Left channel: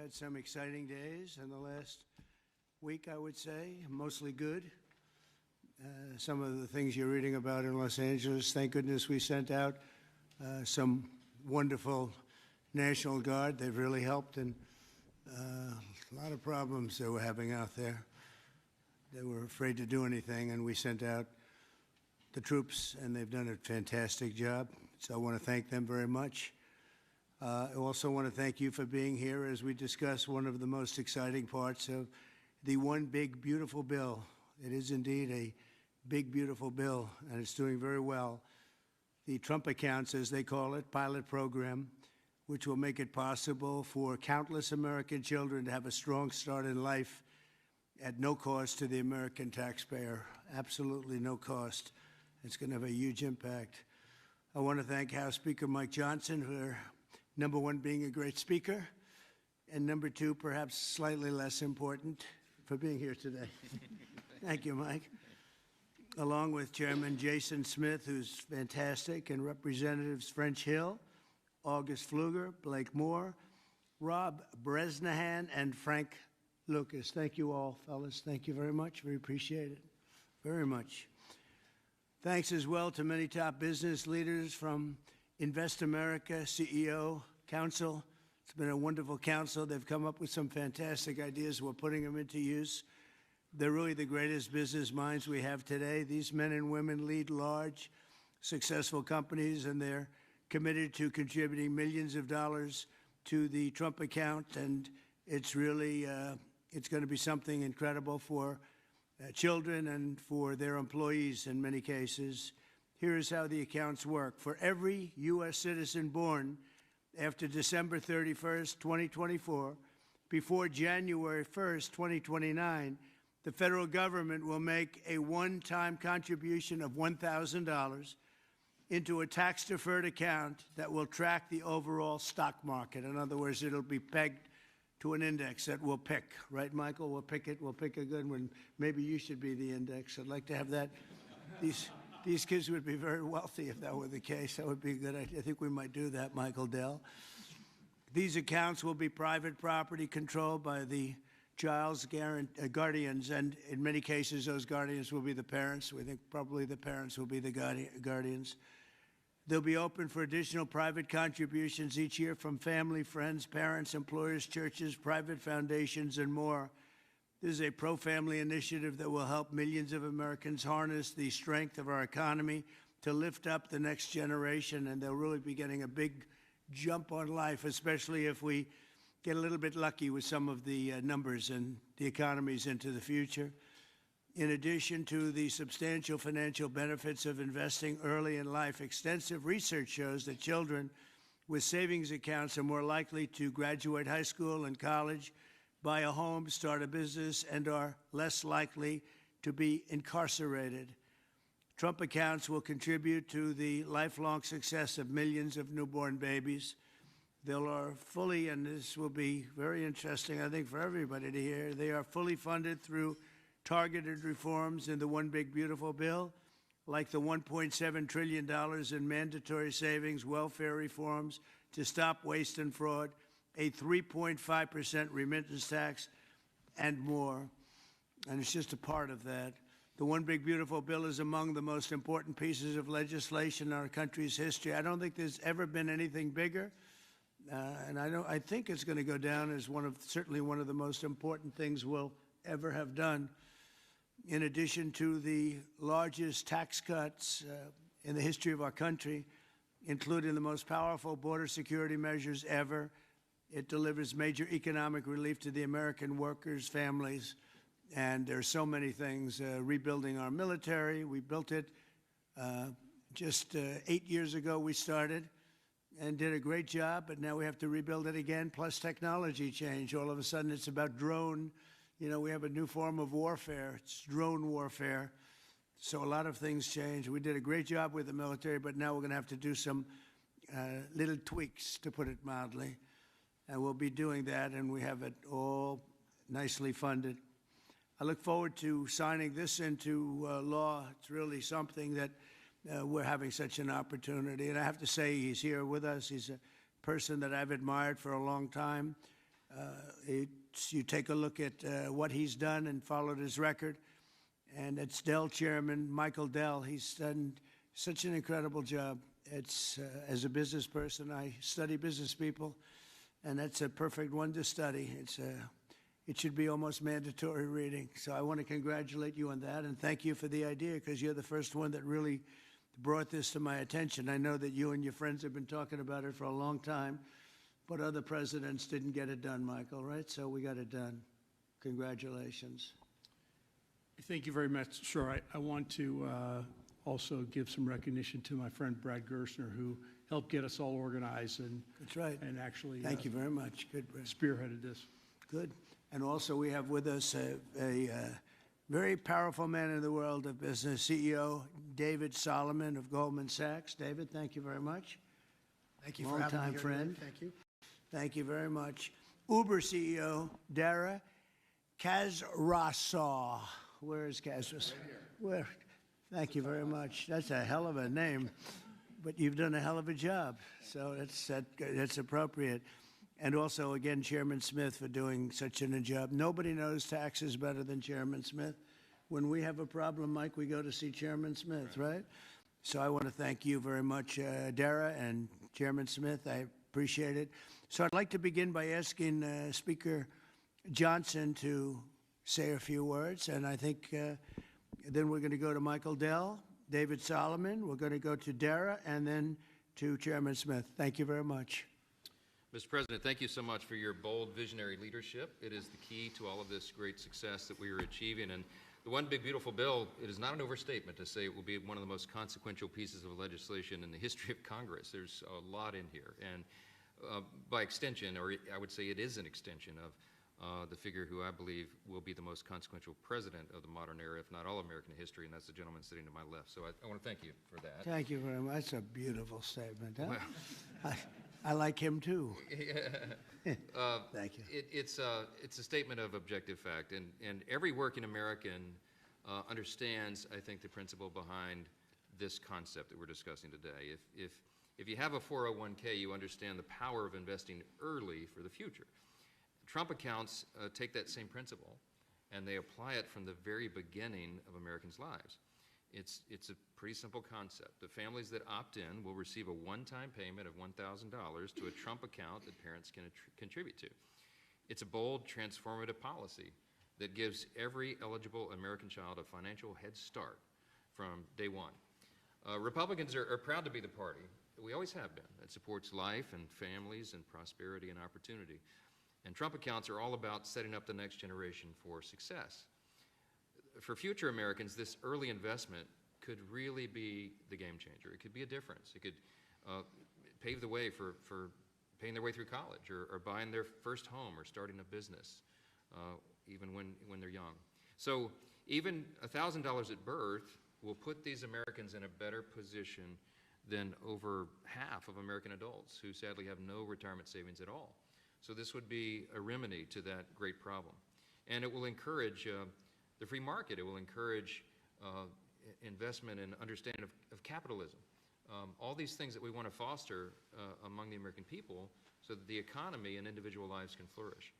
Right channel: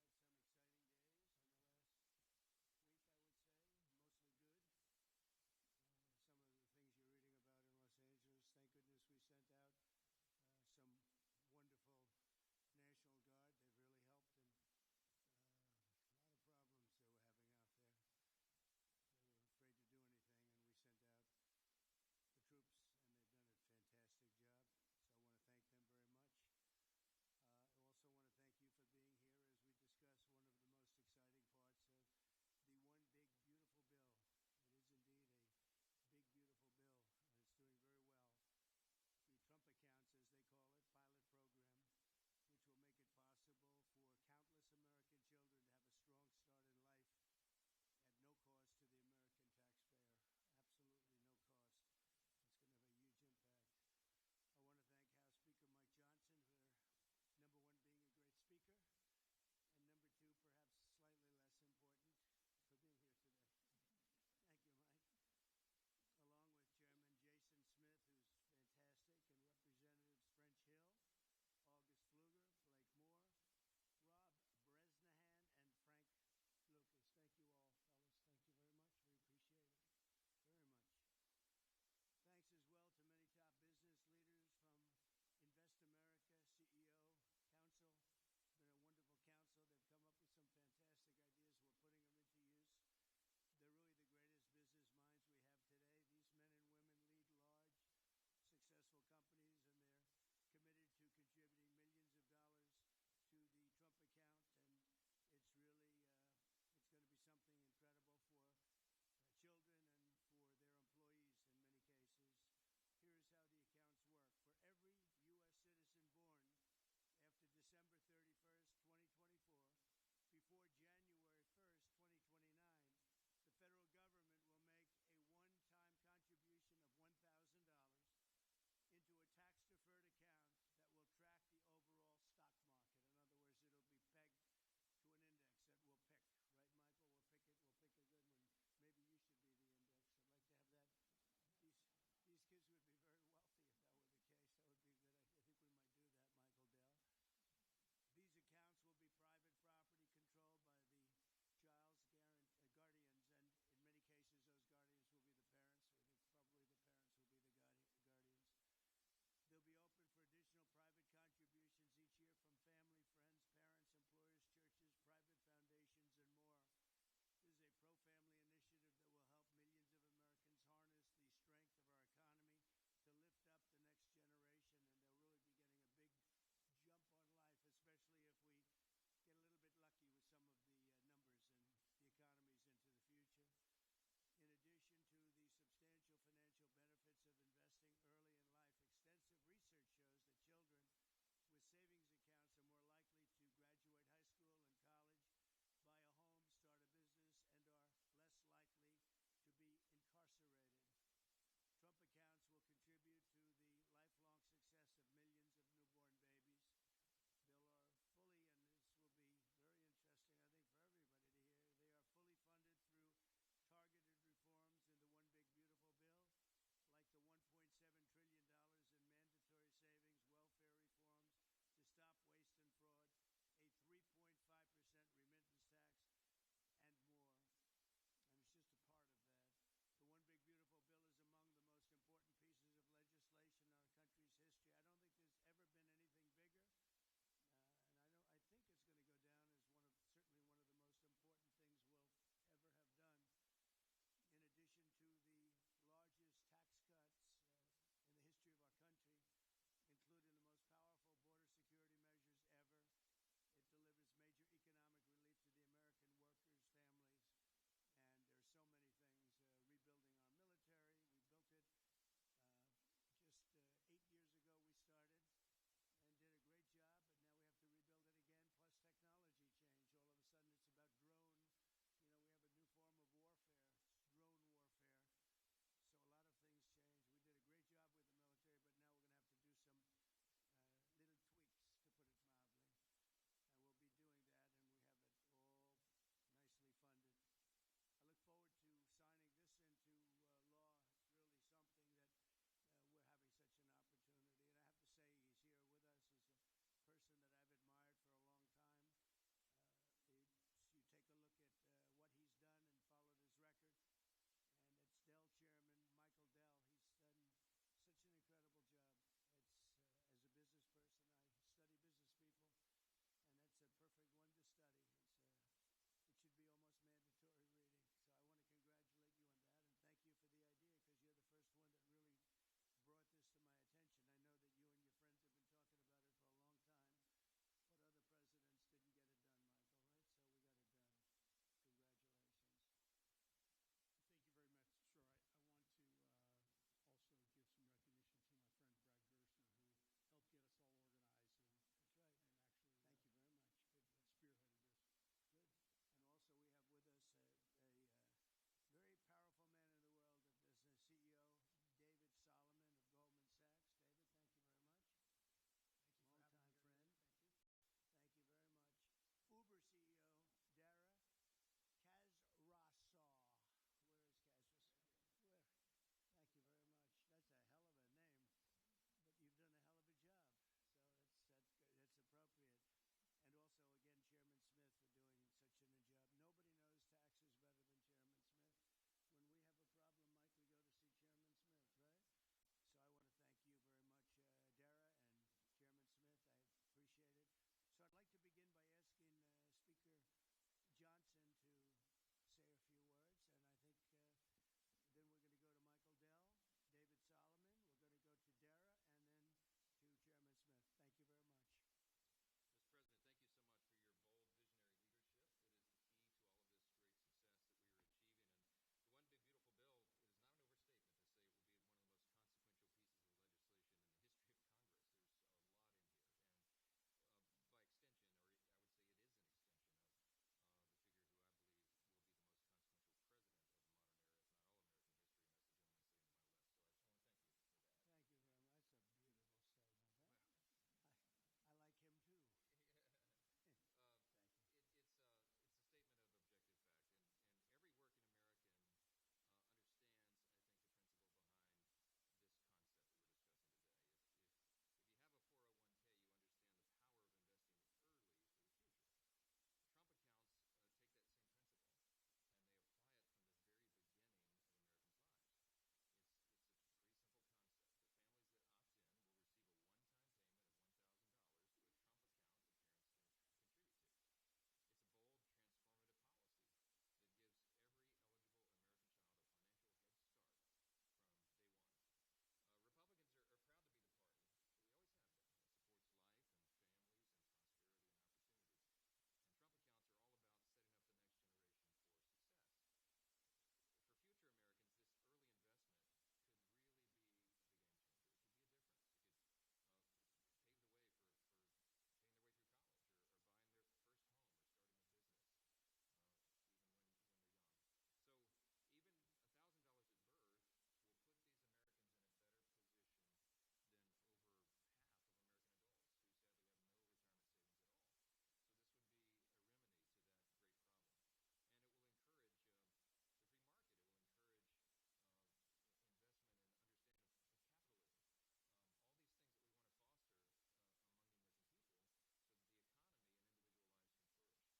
had some exciting days in the last week, I would say, mostly good. Some of the things you're reading about in Los Angeles, thank goodness we sent out some wonderful National Guard. They've really helped, and a lot of problems they were having out there. They were afraid to do anything, and we sent out the troops, and they've done a fantastic job. So I want to thank them very much. I also want to thank you for being here as we discuss one of the most exciting parts of the One Big Beautiful Bill. It is indeed a big, beautiful bill, and it's doing very well. The Trump accounts, as they call it, pilot program, which will make it possible for countless American children to have a strong start in life at no cost to the American taxpayer, absolutely no cost. It's going to have a huge impact. I want to thank House Speaker Mike Johnson for, number one, being a great speaker, and number two, perhaps slightly less important, for being here today. Thank you, Mike. Along with Chairman Jason Smith, who's fantastic, and Representatives French Hill, August Pfluger, Blake Moore, Rob Bresnahan, and Frank Lucas. Thank you all, fellas. Thank you very much. We appreciate it very much. Thanks as well to many top business leaders from Invest America, CEO, Council. It's been a wonderful council. They've come up with some fantastic ideas. We're putting them into use. They're really the greatest business minds we have today. These men and women lead large, successful companies, and they're committed to contributing millions of dollars to the Trump account. And it's really, it's going to be something incredible for children and for their employees in many cases. Here's how the accounts work. For every U.S. citizen born after December 31st, 2024, before January 1st, 2029, the federal government will make a one-time contribution of $1,000 into a tax-deferred account that will track the overall stock market. In other words, it'll be pegged to an index that we'll pick. Right, Michael? We'll pick it. We'll pick a good one. Maybe you should be the index. I'd like to have that. These kids would be very wealthy if that were the case. That would be a good idea. I think we might do that, Michael Dell. These accounts will be private property controlled by the child's guardians, and in many cases, those guardians will be the parents. We think probably the parents will be the guardians. They'll be open for additional private contributions each year from family, friends, parents, employers, churches, private foundations, and more. This is a pro-family initiative that will help millions of Americans harness the strength of our economy to lift up the next generation, and they'll really be getting a big jump on life, especially if we get a little bit lucky with some of the numbers and the economies into the future. In addition to the substantial financial benefits of investing early in life, extensive research shows that children with savings accounts are more likely to graduate high school and college, buy a home, start a business, and are less likely to be incarcerated. Trump accounts will contribute to the lifelong success of millions of newborn babies. They are fully, and this will be very interesting, I think, for everybody to hear, they are fully funded through targeted reforms in the One Big Beautiful Bill, like the $1.7 trillion in mandatory savings, welfare reforms to stop waste and fraud, a 3.5% remittance tax, and more. And it's just a part of that. The One Big Beautiful Bill is among the most important pieces of legislation in our country's history. I don't think there's ever been anything bigger. And I think it's going to go down as certainly one of the most important things we'll ever have done. In addition to the largest tax cuts in the history of our country, including the most powerful border security measures ever, it delivers major economic relief to the American workers' families. And there's so many things. Rebuilding our military, we built it just 8 years ago we started and did a great job, but now we have to rebuild it again, plus technology change. All of a sudden it's about drone. You know, we have a new form of warfare. It's drone warfare. So a lot of things change. We did a great job with the military, but now we're going to have to do some little tweaks, to put it mildly. And we'll be doing that, and we have it all nicely funded. I look forward to signing this into law. It's really something that we're having such an opportunity. And I have to say, he's here with us. He's a person that I've admired for a long time. You take a look at what he's done and followed his record. And it's Dell chairman, Michael Dell. He's done such an incredible job. As a business person, I study business people, and that's a perfect one to study. It should be almost mandatory reading. So I want to congratulate you on that, and thank you for the idea, because you're the first one that really brought this to my attention. I know that you and your friends have been talking about it for a long time, but other presidents didn't get it done, Michael, right? So we got it done. Congratulations. Thank you very much. Sure. I want to also give some recognition to my friend Brad Gerstner, who helped get us all organized and that's right. And actually thank you very much. Good, Brad. Spearheaded this. Good. And also we have with us a very powerful man in the world of business, CEO David Solomon of Goldman Sachs. David, thank you very much. Thank you for having me Long-time here friend. today. Thank you. Thank you very much. Uber CEO Dara Khosrowshahi. Where is Khosrowshahi? Where? Thank you very much. That's a hell of a name, but you've done a hell of a job. So that's appropriate. And also, again, Chairman Smith for doing such a job. Nobody knows taxes better than Chairman Smith. When we have a problem, Mike, we go to see Chairman Smith, right? So I want to thank you very much, Dara and Chairman Smith. I appreciate it. So I'd like to begin by asking Speaker Johnson to say a few words, and I think then we're going to go to Michael Dell, David Solomon, we're going to go to Dara, and then to Chairman Smith. Thank you very much. Mr. President, thank you so much for your bold, visionary leadership. It is the key to all of this great success that we are achieving. And the One Big Beautiful Bill, it is not an overstatement to say it will be one of the most consequential pieces of legislation in the history of Congress. There's a lot in here. And by extension, or I would say it is an extension of the figure who I believe will be the most consequential president of the modern era, if not all American history, and that's the gentleman sitting to my left. So I want to thank you for that. Thank you very much. That's a beautiful statement. Huh? Well, I like him too. Thank you. It's a statement of objective fact, and every working American understands, I think, the principle behind this concept that we're discussing today. If you have a 401k, you understand the power of investing early for the future. Trump accounts take that same principle, and they apply it from the very beginning of Americans' lives. It's a pretty simple concept. The families that opt in will receive a one-time payment of $1,000 to a Trump account that parents can contribute to. It's a bold, transformative policy that gives every eligible American child a financial head start from day one. Republicans are proud to be the party, we always have been, that supports life and families and prosperity and opportunity. And Trump accounts are all about setting up the next generation for success. For future Americans, this early investment could really be the game changer. It could be a difference. It could pave the way for paying their way through college or buying their first home or starting a business, even when they're young. So even $1,000 at birth will put these Americans in a better position than over half of American adults who sadly have no retirement savings at all. So this would be a remedy to that great problem. And it will encourage the free market. It will encourage investment and understanding of capitalism. All these things that we want to foster among the American people so that the economy and individual lives can flourish.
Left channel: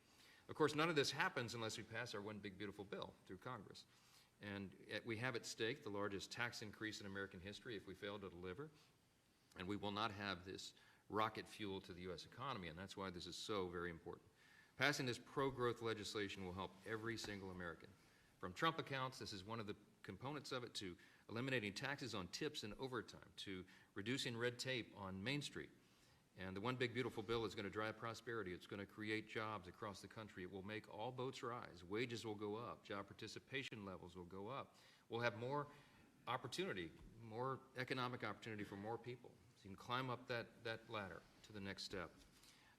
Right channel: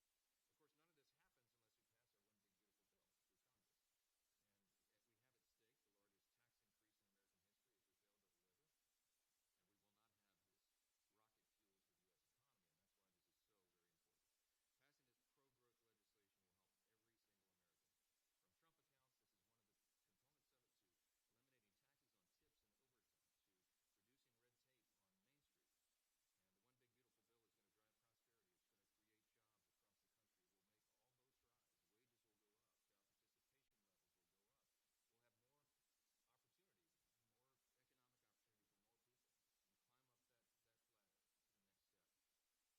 Of course, none of this happens unless we pass our One Big Beautiful Bill through Congress. And we have at stake the largest tax increase in American history if we fail to deliver. And we will not have this rocket fuel to the U.S. economy, and that's why this is so very important. Passing this pro-growth legislation will help every single American. From Trump accounts, this is one of the components of it, to eliminating taxes on tips and overtime, to reducing red tape on Main Street. And the One Big Beautiful Bill is going to drive prosperity. It's going to create jobs across the country. It will make all boats rise. Wages will go up. Job participation levels will go up. We'll have more opportunity, more economic opportunity for more people. So you can climb up that ladder to the next step.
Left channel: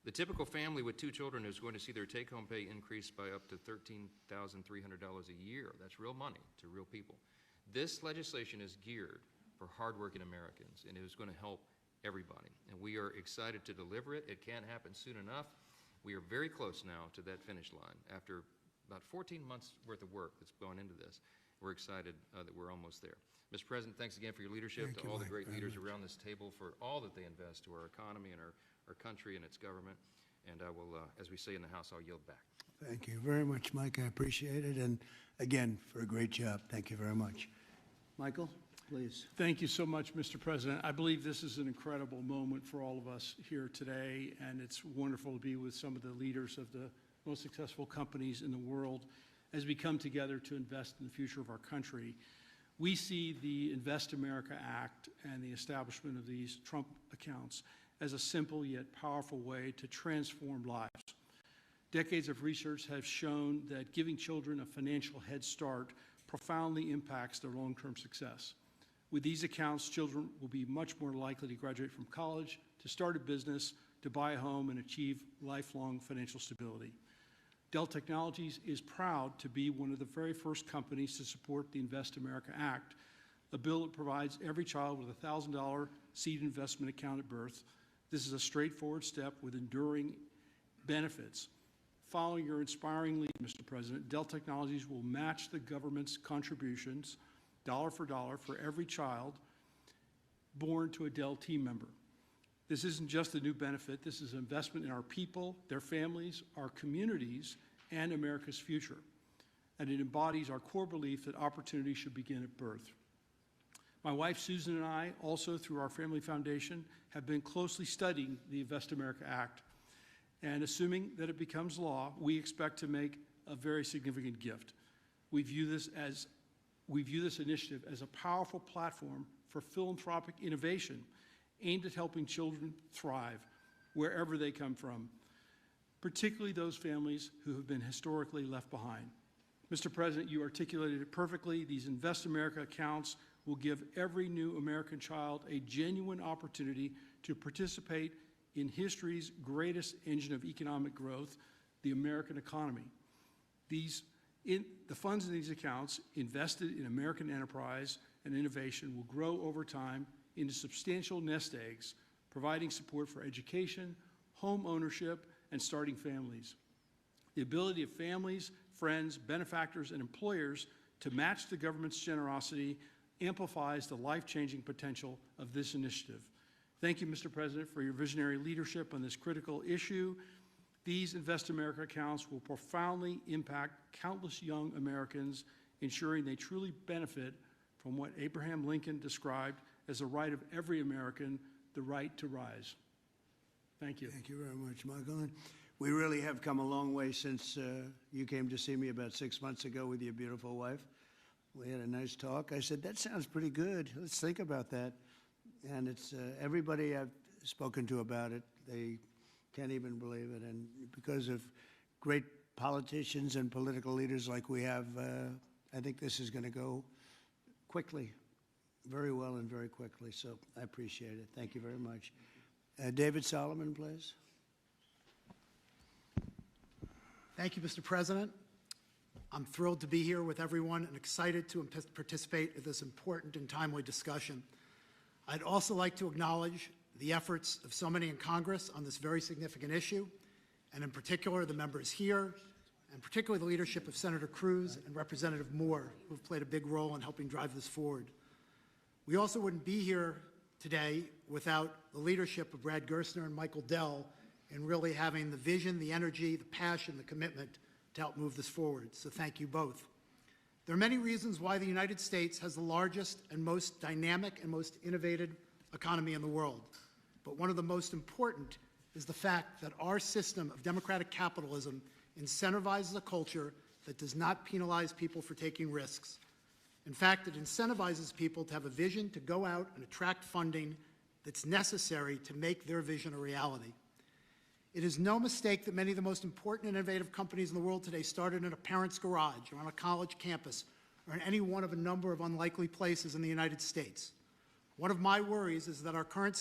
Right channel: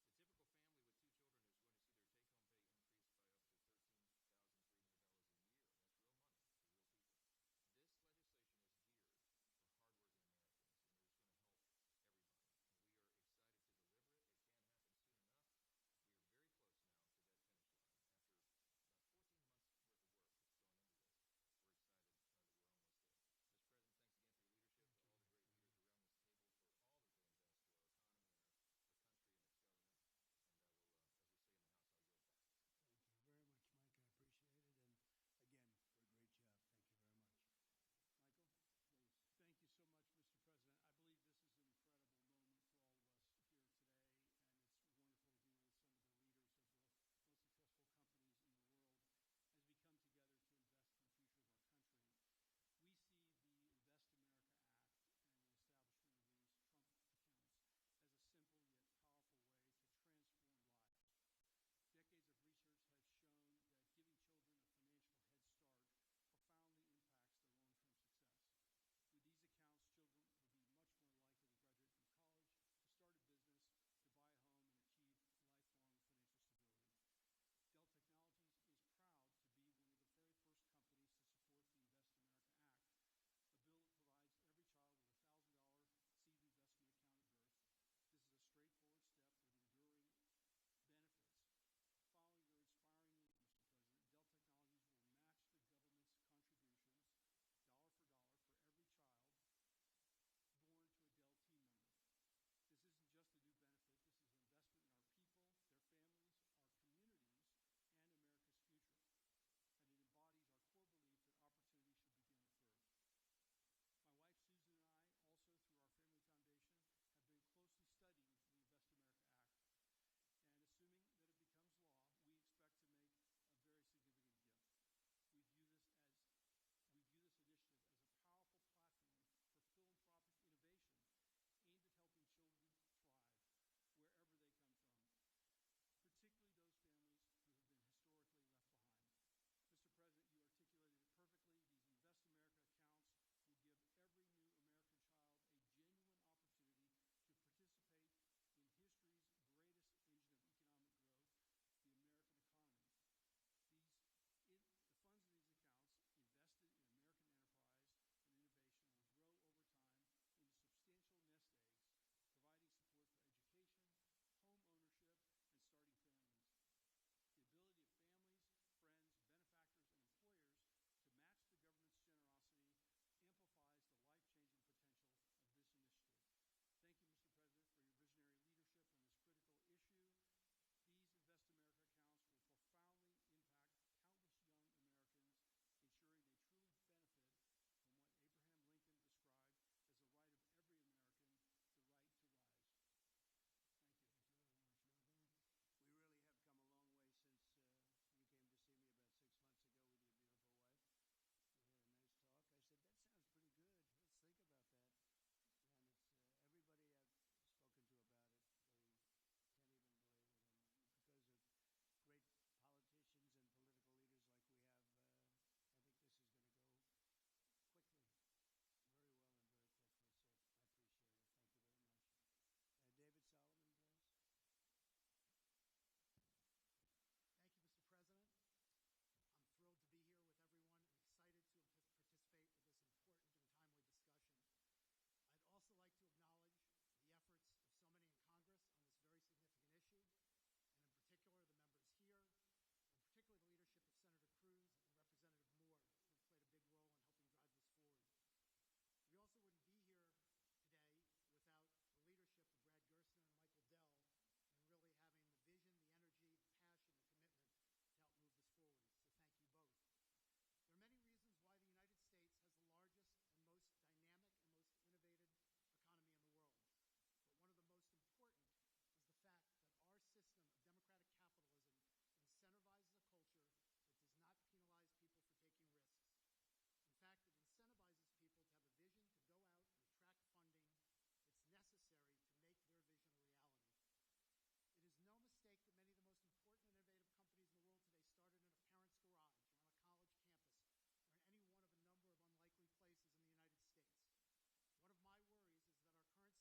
The typical family with 2 children is going to see their take-home pay increase by up to $13,300 a year. That's real money to real people. This legislation is geared for hardworking Americans, and it is going to help everybody. And we are excited to deliver it. It can't happen soon enough. We are very close now to that finish line. After about 14 months worth of work that's gone into this, we're excited that we're almost there. Mr. President, thanks again for your leadership, to all the great leaders around this table for all that they invest to our economy and our country and its government. And I will, as we say in the House, I'll yield back. Thank you very much, Mike. I appreciate it. And again, for a great job. Thank you very much. Michael, please. Thank you so much, Mr. President. I believe this is an incredible moment for all of us here today, and it's wonderful to be with some of the leaders of the most successful companies in the world as we come together to invest in the future of our country. We see the Invest America Act and the establishment of these Trump accounts as a simple yet powerful way to transform lives. Decades of research have shown that giving children a financial head start profoundly impacts their long-term success. With these accounts, children will be much more likely to graduate from college, to start a business, to buy a home, and achieve lifelong financial stability. Dell Technologies is proud to be one of the very first companies to support the Invest America Act, a bill that provides every child with a $1,000 seed investment account at birth. This is a straightforward step with enduring benefits. Following your inspiring lead, Mr. President, Dell Technologies will match the government's contributions, dollar for every child born to a Dell team member. This isn't just a new benefit, this is an investment in our people, their families, our communities, and America's future. And it embodies our core belief that opportunity should begin at birth. My wife Susan and I, also through our family foundation, have been closely studying the Invest America Act. And assuming that it becomes law, we expect to make a very significant gift. We view this initiative as a powerful platform for philanthropic innovation aimed at helping children thrive wherever they come from, particularly those families who have been historically left behind. Mr. President, you articulated it perfectly. These Invest America accounts will give every new American child a genuine opportunity to participate in history's greatest engine of economic growth, the American economy. The funds in these accounts invested in American enterprise and innovation will grow over time into substantial nest eggs, providing support for education, home ownership, and starting families. The ability of families, friends, benefactors, and employers to match the government's generosity amplifies the life-changing potential of this initiative. Thank you, Mr. President, for your visionary leadership on this critical issue. These Invest America accounts will profoundly impact countless young Americans, ensuring they truly benefit from what Abraham Lincoln described as the right of every American, the right to rise. Thank you. Thank you very much, Michael. And we really have come a long way since you came to see me about 6 months ago with your beautiful wife. We had a nice talk. I said, that sounds pretty good. Let's think about that. And it's everybody I've spoken to about it, they can't even believe it. And because of great politicians and political leaders like we have, I think this is going to go quickly, very well and very quickly. So I appreciate it. Thank you very much. David Solomon, please. Thank you, Mr. President. I'm thrilled to be here with everyone and excited to participate in this important and timely discussion. I'd also like to acknowledge the efforts of so many in Congress on this very significant issue, and in particular the members here, and particularly the leadership of Senator Cruz and Representative Moore, who have played a big role in helping drive this forward. We also wouldn't be here today without the leadership of Brad Gerstner and Michael Dell in really having the vision, the energy, the passion, the commitment to help move this forward. So thank you both. There are many reasons why the United States has the largest and most dynamic and most innovative economy in the world. But one of the most important is the fact that our system of democratic capitalism incentivizes a culture that does not penalize people for taking risks. In fact, it incentivizes people to have a vision, to go out and attract funding that's necessary to make their vision a reality. It is no mistake that many of the most important and innovative companies in the world today started in a parent's garage or on a college campus or in any one of a number of unlikely places in the United States. One of my worries is that our current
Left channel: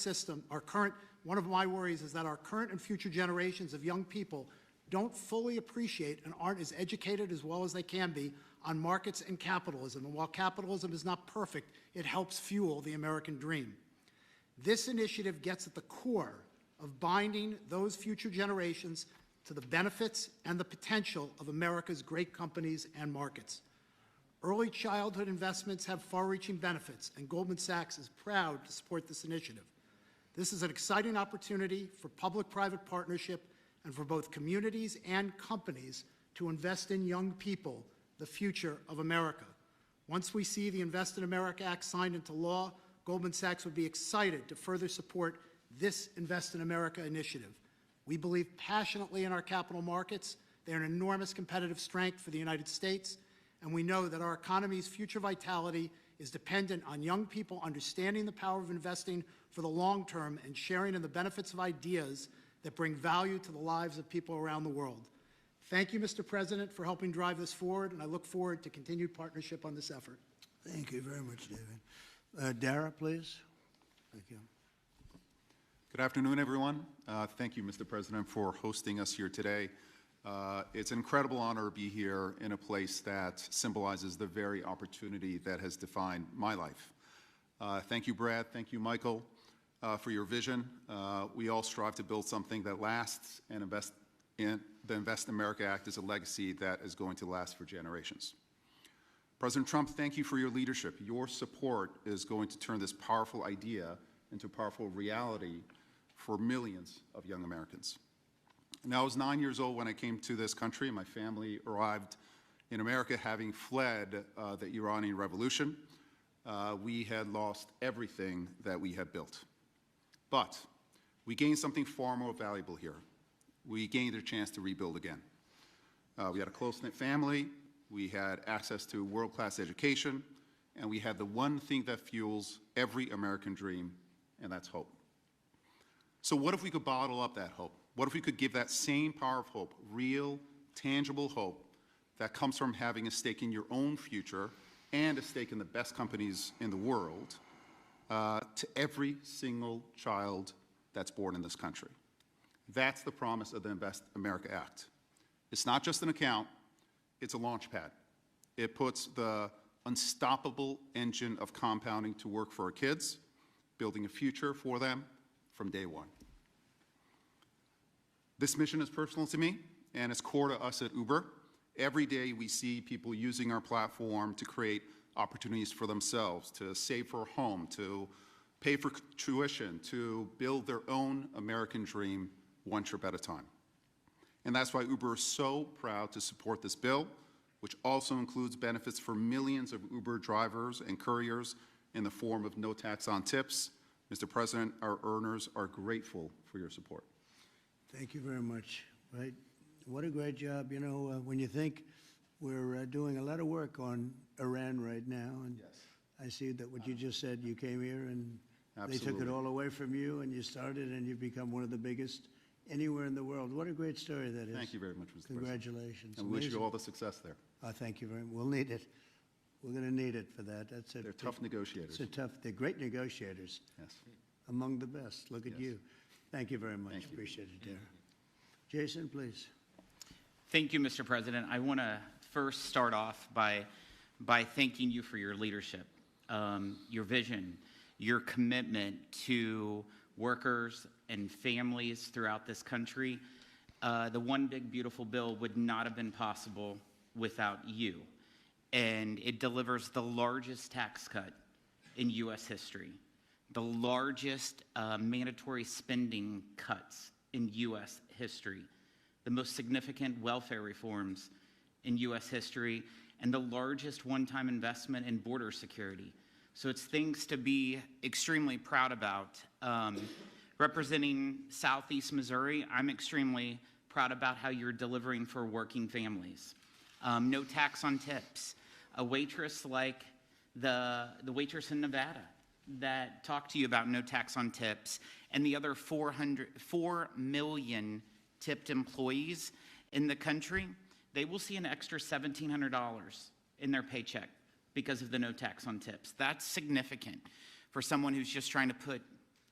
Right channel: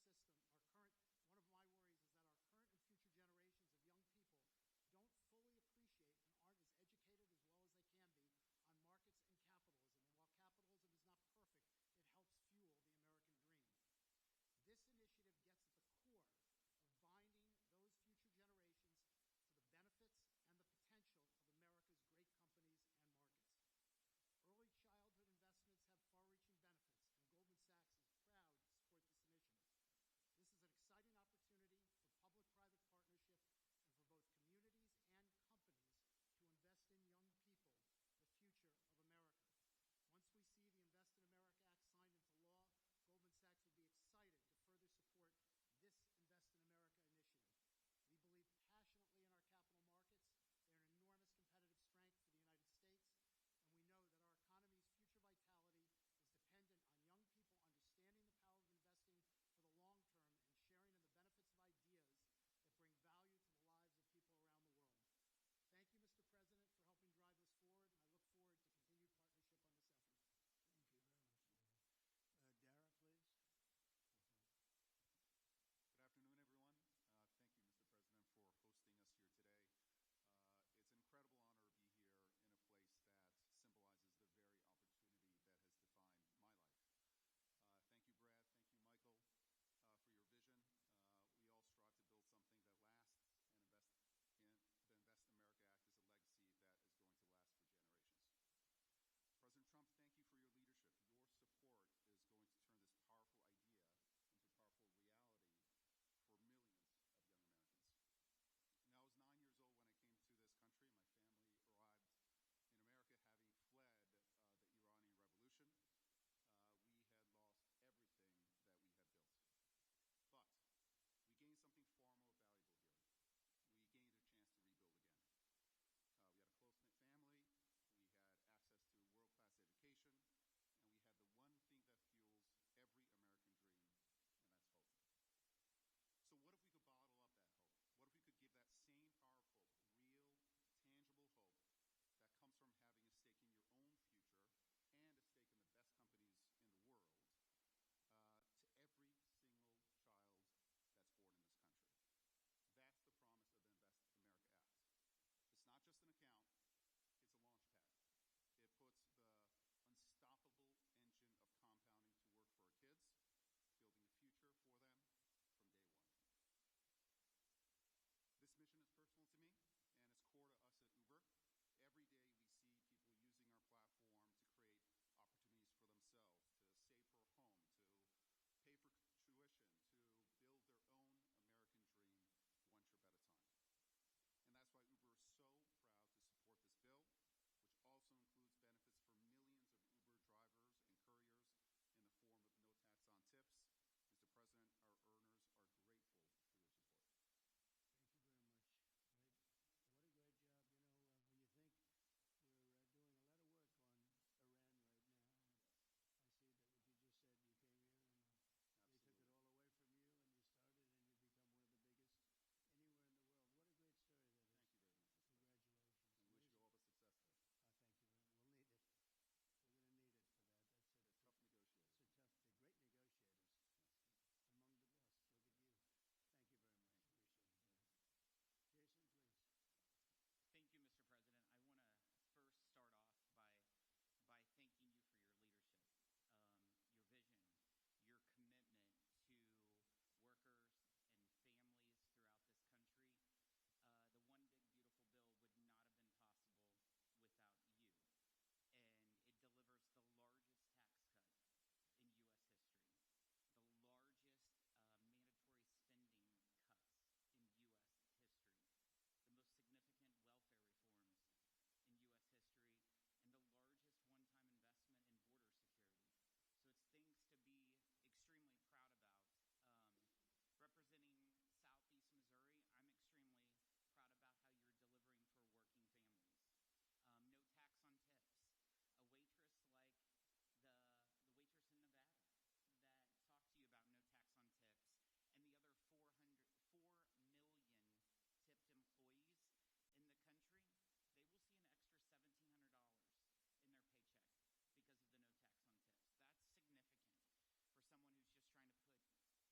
and future generations of young people don't fully appreciate and aren't as educated as well as they can be on markets and capitalism. And while capitalism is not perfect, it helps fuel the American dream. This initiative gets at the core of binding those future generations to the benefits and the potential of America's great companies and markets. Early childhood investments have far-reaching benefits, and Goldman Sachs is proud to support this initiative. This is an exciting opportunity for public-private partnership and for both communities and companies to invest in young people, the future of America. Once we see the Invest in America Act signed into law, Goldman Sachs would be excited to further support this Invest in America initiative. We believe passionately in our capital markets. They're an enormous competitive strength for the United States, and we know that our economy's future vitality is dependent on young people understanding the power of investing for the long term and sharing in the benefits of ideas that bring value to the lives of people around the world. Thank you, Mr. President, for helping drive this forward, and I look forward to continued partnership on this effort. Thank you very much, David. Dara, please. Thank you. Good afternoon, everyone. Thank you, Mr. President, for hosting us here today. It's an incredible honor to be here in a place that symbolizes the very opportunity that has defined my life. Thank you, Brad. Thank you, Michael, for your vision. We all strive to build something that lasts, and the Invest America Act is a legacy that is going to last for generations. President Trump, thank you for your leadership. Your support is going to turn this powerful idea into powerful reality for millions of young Americans. Now, I was 9 years old when I came to this country. My family arrived in America having fled the Iranian Revolution. We had lost everything that we had built. But we gained something far more valuable here. We gained a chance to rebuild again. We had a close-knit family, we had access to world-class education, and we had the one thing that fuels every American dream, and that's hope. So what if we could bottle up that hope? What if we could give that same power of hope, real, tangible hope that comes from having a stake in your own future and a stake in the best companies in the world to every single child that's born in this country? That's the promise of the Invest America Act. It's not just an account, it's a launch pad. It puts the unstoppable engine of compounding to work for our kids, building a future for them from day one. This mission is personal to me, and it's core to us at Uber. Every day we see people using our platform to create opportunities for themselves, to save for a home, to pay for tuition, to build their own American dream one trip at a time. And that's why Uber is so proud to support this bill, which also includes benefits for millions of Uber drivers and couriers in the form of no tax on tips. Mr. President, our earners are grateful for your support. Thank you very much. Right? What a great job. You know, when you think we're doing a lot of work on Iran right now, and I see that what you just said, you came here and they took it all away from you, and you started, and you've become one of the biggest anywhere in the world. What a great story that is. Thank you very much, Mr. Congratulations. President. And we wish you all the success there. Thank you very much. We'll need it. We're going to need it for that. That's it. They're tough negotiators. They're great negotiators. Yes. Among the best. Look at you. Thank you very much. Thank you. Appreciate it, Dara. Jason, please. Thank you, Mr. President. I want to first start off by thanking you for your leadership, your vision, your commitment to workers and families throughout this country. The One Big Beautiful Bill would not have been possible without you. And it delivers the largest tax cut in U.S. history, the largest mandatory spending cuts in U.S. history, the most significant welfare reforms in U.S. history, and the largest one-time investment in border security. So it's things to be extremely proud about. Representing Southeast Missouri, I'm extremely proud about how you're delivering for working families. No tax on tips. A waitress like the waitress in Nevada that talked to you about no tax on tips, and the other 4 million tipped employees in the country, they will see an extra $1,700 in their paycheck because of the no tax on tips. That's significant for someone who's just trying to put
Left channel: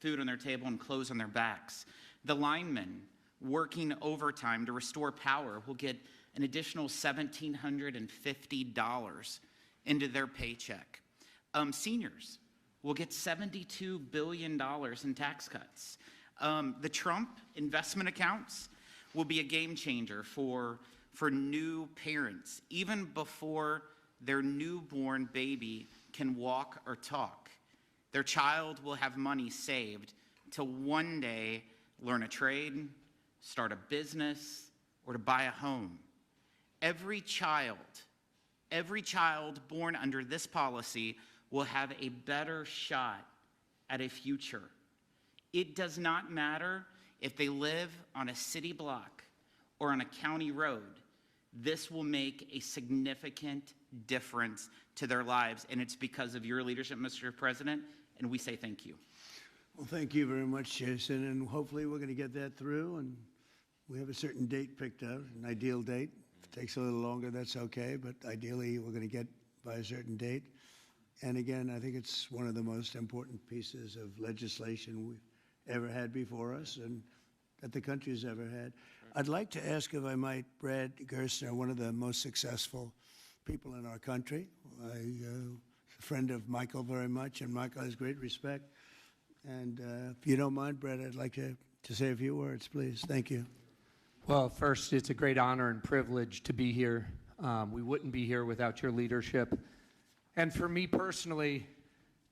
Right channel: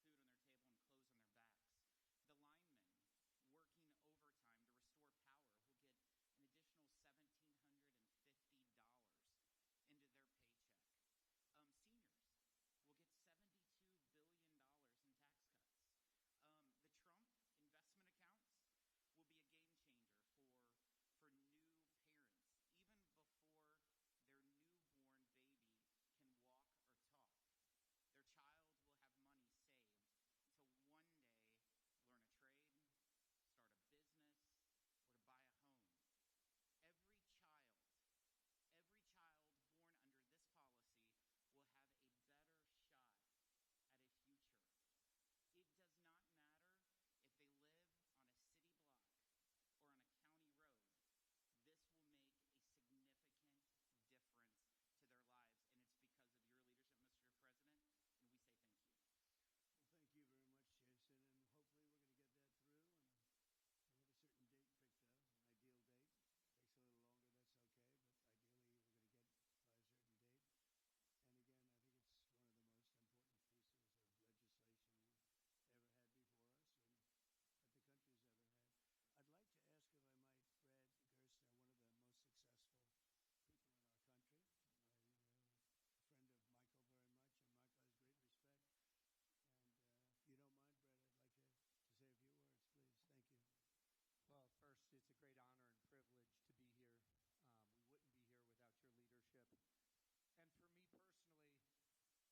food on their table and clothes on their backs. The linemen working overtime to restore power will get an additional $1,750 into their paycheck. Seniors will get $72 billion in tax cuts. The Trump investment accounts will be a game changer for new parents, even before their newborn baby can walk or talk. Their child will have money saved to one day learn a trade, start a business, or to buy a home. every child born under this policy will have a better shot at a future. It does not matter if they live on a city block or on a county road. This will make a significant difference to their lives, and it's because of your leadership, Mr. President, and we say thank you. Well, thank you very much, Jason, and hopefully we're going to get that through, and we have a certain date picked out, an ideal date. If it takes a little longer, that's okay, but ideally we're going to get by a certain date. And again, I think it's one of the most important pieces of legislation we've ever had before us and that the country's ever had. I'd like to ask, if I might, Brad Gerstner, one of the most successful people in our country. I'm a friend of Michael very much, and Michael has great respect. And if you don't mind, Brad, I'd like to say a few words, please. Thank you. Well, first, it's a great honor and privilege to be here. We wouldn't be here without your leadership. And for me personally,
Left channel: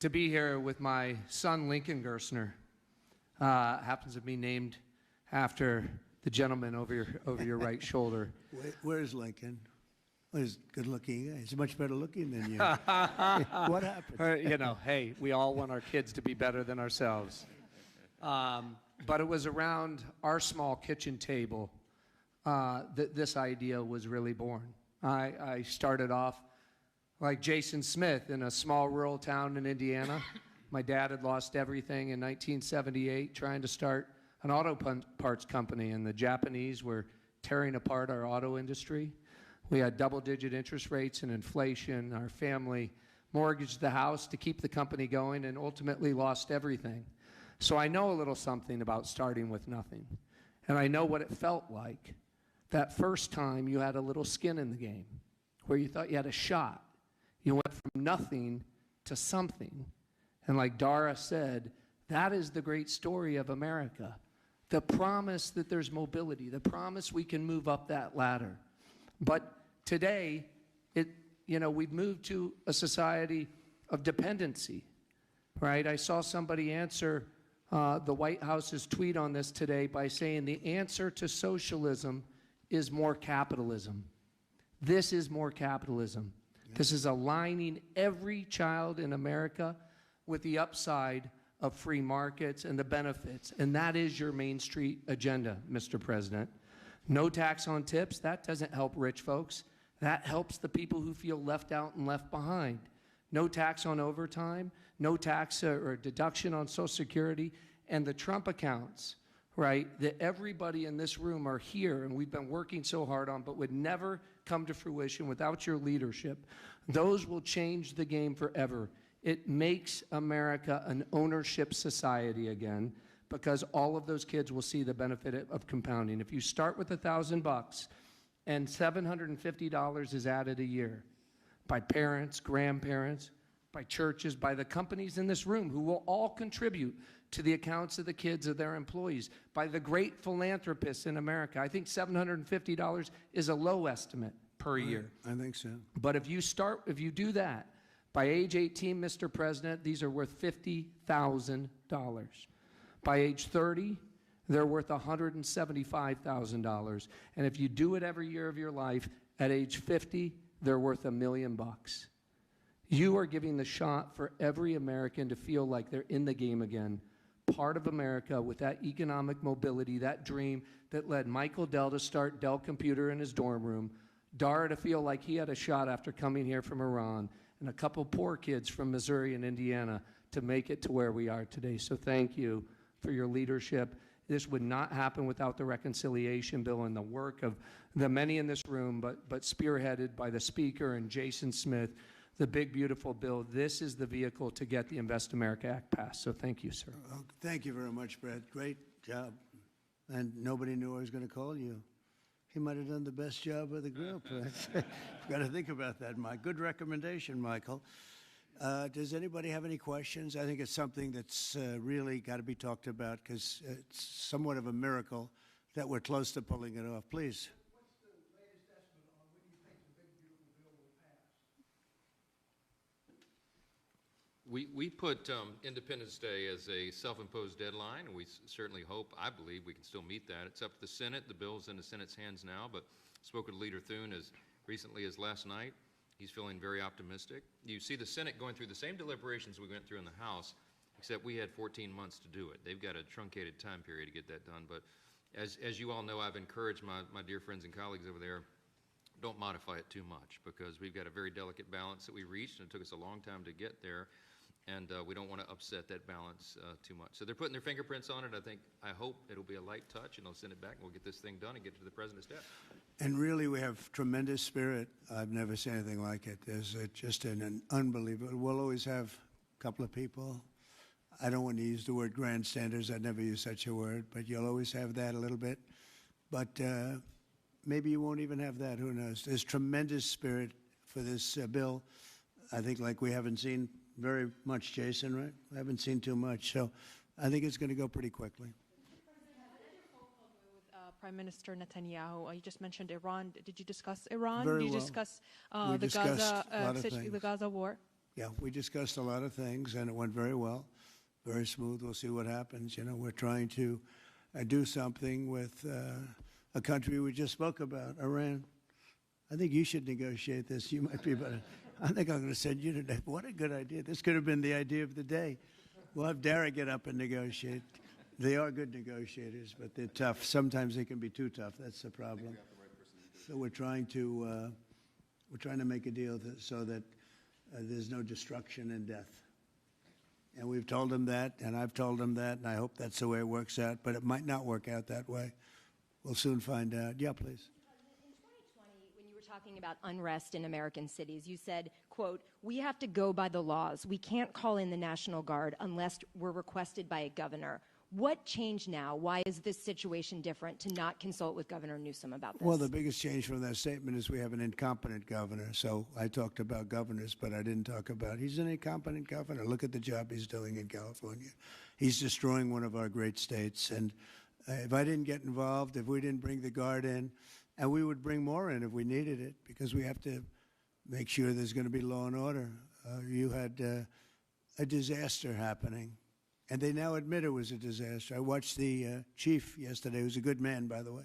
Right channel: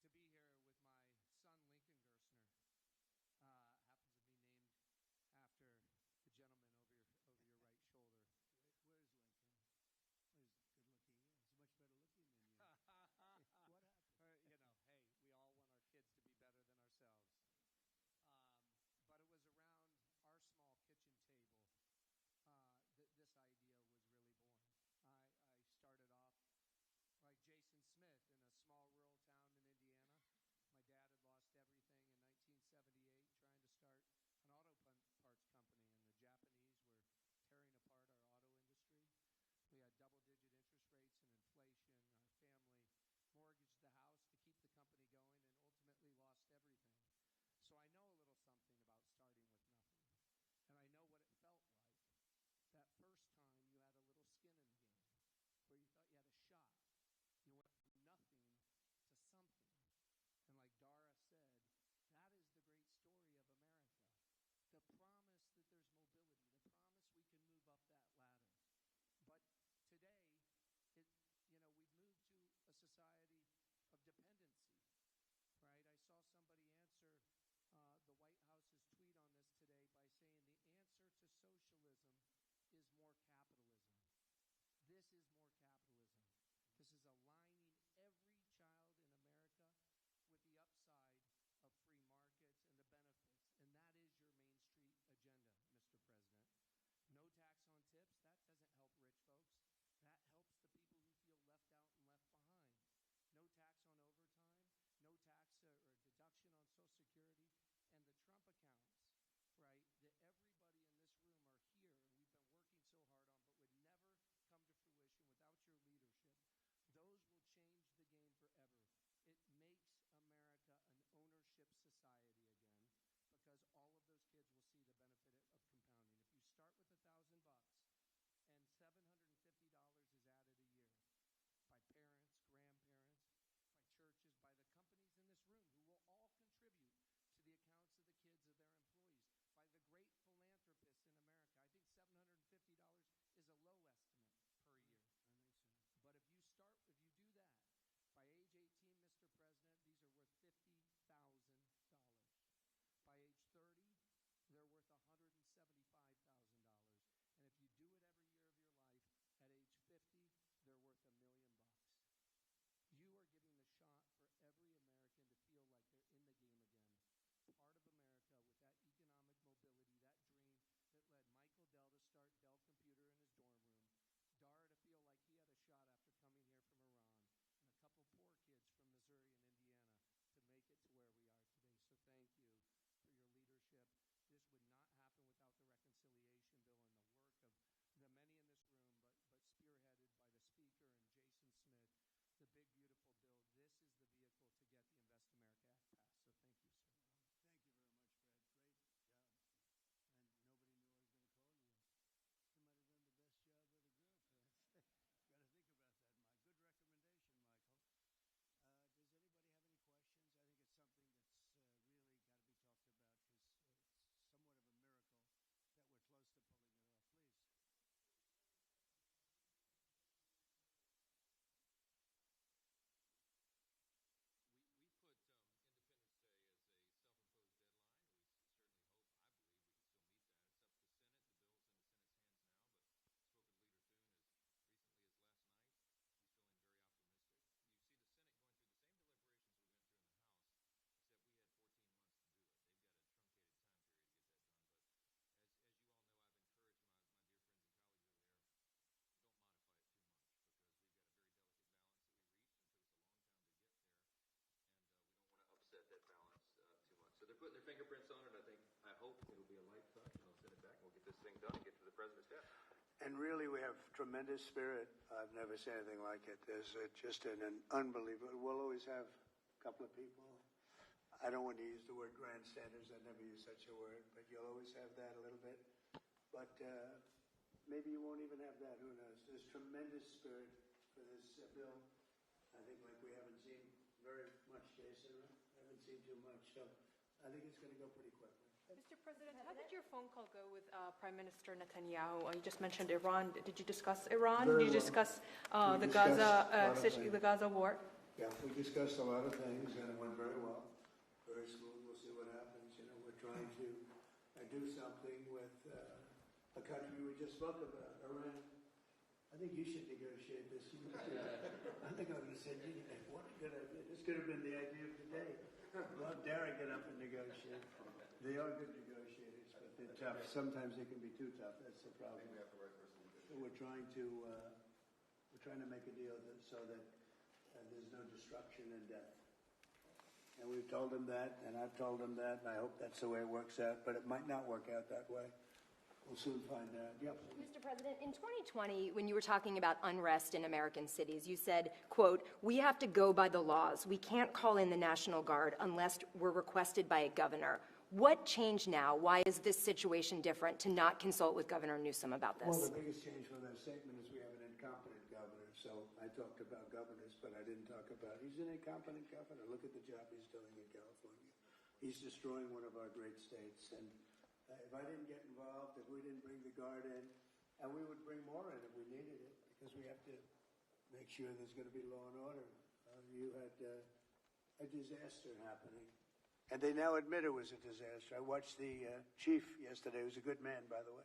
to be here with my son, Lincoln Gerstner, happens to be named after the gentleman over your right shoulder. Where's Lincoln? Well, he's good looking. He's much better looking than you. What happened? Hey, we all want our kids to be better than ourselves. But it was around our small kitchen table that this idea was really born. I started off like Jason Smith in a small rural town in Indiana. My dad had lost everything in 1978 trying to start an auto parts company, and the Japanese were tearing apart our auto industry. We had double-digit interest rates and inflation. Our family mortgaged the house to keep the company going and ultimately lost everything. So I know a little something about starting with nothing. And I know what it felt like that first time you had a little skin in the game, where you thought you had a shot. You went from nothing to something. And like Dara said, that is the great story of America. The promise that there's mobility, the promise we can move up that ladder. But today, we've moved to a society of dependency, right? I saw somebody answer the White House's tweet on this today by saying the answer to socialism is more capitalism. This is more capitalism. This is aligning every child in America with the upside of free markets and the benefits. And that is your Main Street agenda, Mr. President. No tax on tips, that doesn't help rich folks. That helps the people who feel left out and left behind. No tax on overtime, no tax or deduction on Social Security, and the Trump accounts, right, that everybody in this room are here and we've been working so hard on, but would never come to fruition without your leadership. Those will change the game forever. It makes America an ownership society again, because all of those kids will see the benefit of compounding. If you start with $1,000 and $750 is added a year by parents, grandparents, by churches, by the companies in this room who will all contribute to the accounts of the kids of their employees, by the great philanthropists in America. I think $750 is a low estimate per year. I think so. But if you do that, by age 18, Mr. President, these are worth $50,000. By age 30, they're worth $175,000. And if you do it every year of your life, at age 50, they're worth $1 million. You are giving the shot for every American to feel like they're in the game again, part of America with that economic mobility, that dream that led Michael Dell to start Dell Computer in his dorm room, Dara to feel like he had a shot after coming here from Iran, and a couple poor kids from Missouri and Indiana to make it to where we are today. So thank you for your leadership. This would not happen without the reconciliation bill and the work of the many in this room, but spearheaded by the Speaker and Jason Smith, the big, beautiful bill. This is the vehicle to get the Invest America Act passed. So thank you, sir. Well, thank you very much, Brad. Great job. And nobody knew I was going to call you. He might have done the best job of the group. Got to think about that, Mike. Good recommendation, Michael. Does anybody have any questions? I think it's something that's really got to be talked about, because it's somewhat of a miracle that we're close to pulling it off. Please. What's the latest estimate on when you think the big, beautiful bill will pass? We put Independence Day as a self-imposed deadline, and we certainly hope, I believe, we can still meet that. It's up to the Senate. The bill's in the Senate's hands now, but Spoke with Leader Thune as recently as last night. He's feeling very optimistic. You see the Senate going through the same deliberations we went through in the House, except we had 14 months to do it. They've got a truncated time period to get that done. But as you all know, I've encouraged my dear friends and colleagues over there, don't modify it too much, because we've got a very delicate balance that we reached, and it took us a long time to get there, and we don't want to upset that balance too much. So they're putting their fingerprints on it. I hope it'll be a light touch, and they'll send it back, and we'll get this thing done and get to the President's desk. And really, we have tremendous spirit. I've never seen anything like it. There's just an unbelievable. We'll always have a couple of people. I don't want to use the word grandstanders. I'd never use such a word, but you'll always have that a little bit. But maybe you won't even have that. Who knows? There's tremendous spirit for this bill. I think like we haven't seen very much, Jason, right? We haven't seen too much. So I think it's going to go pretty quickly. Mr. President, how did your phone call go with Prime Minister Netanyahu? You just mentioned Iran. Did you discuss Iran? Very Did you well. discuss We the discussed Gaza a lot of things. the Gaza war? Yeah, we discussed a lot of things, and it went very well, very smooth. We'll see what happens. You know, we're trying to do something with a country we just spoke about, Iran. I think you should negotiate this. You might be better. I think I'm going to send you today. What a good idea. This could have been the idea of the day. We'll have Dara get up and negotiate. They are good negotiators, but they're tough. Sometimes they can be too tough. That's the problem. So we're trying to make a deal so that there's no destruction and death. And we've told them that, and I've told them that, and I hope that's the way it works out. But it might not work out that way. We'll soon find out. Yeah, please. Mr. President, in 2020, when you were talking about unrest in American cities, you said, quote, "We have to go by the laws. We can't call in the National Guard unless we're requested by a governor." What changed now? Why is this situation different to not consult with Governor Newsom about this? Well, the biggest change from that statement is we have an incompetent governor. So I talked about governors, but I didn't talk about he's an incompetent governor. Look at the job he's doing in California. He's destroying one of our great states. And if I didn't get involved, if we didn't bring the Guard in, and we would bring more in if we needed it, because we have to make sure there's going to be law and order. You had a disaster happening. And they now admit it was a disaster. I watched the chief yesterday, who's a good man, by the way,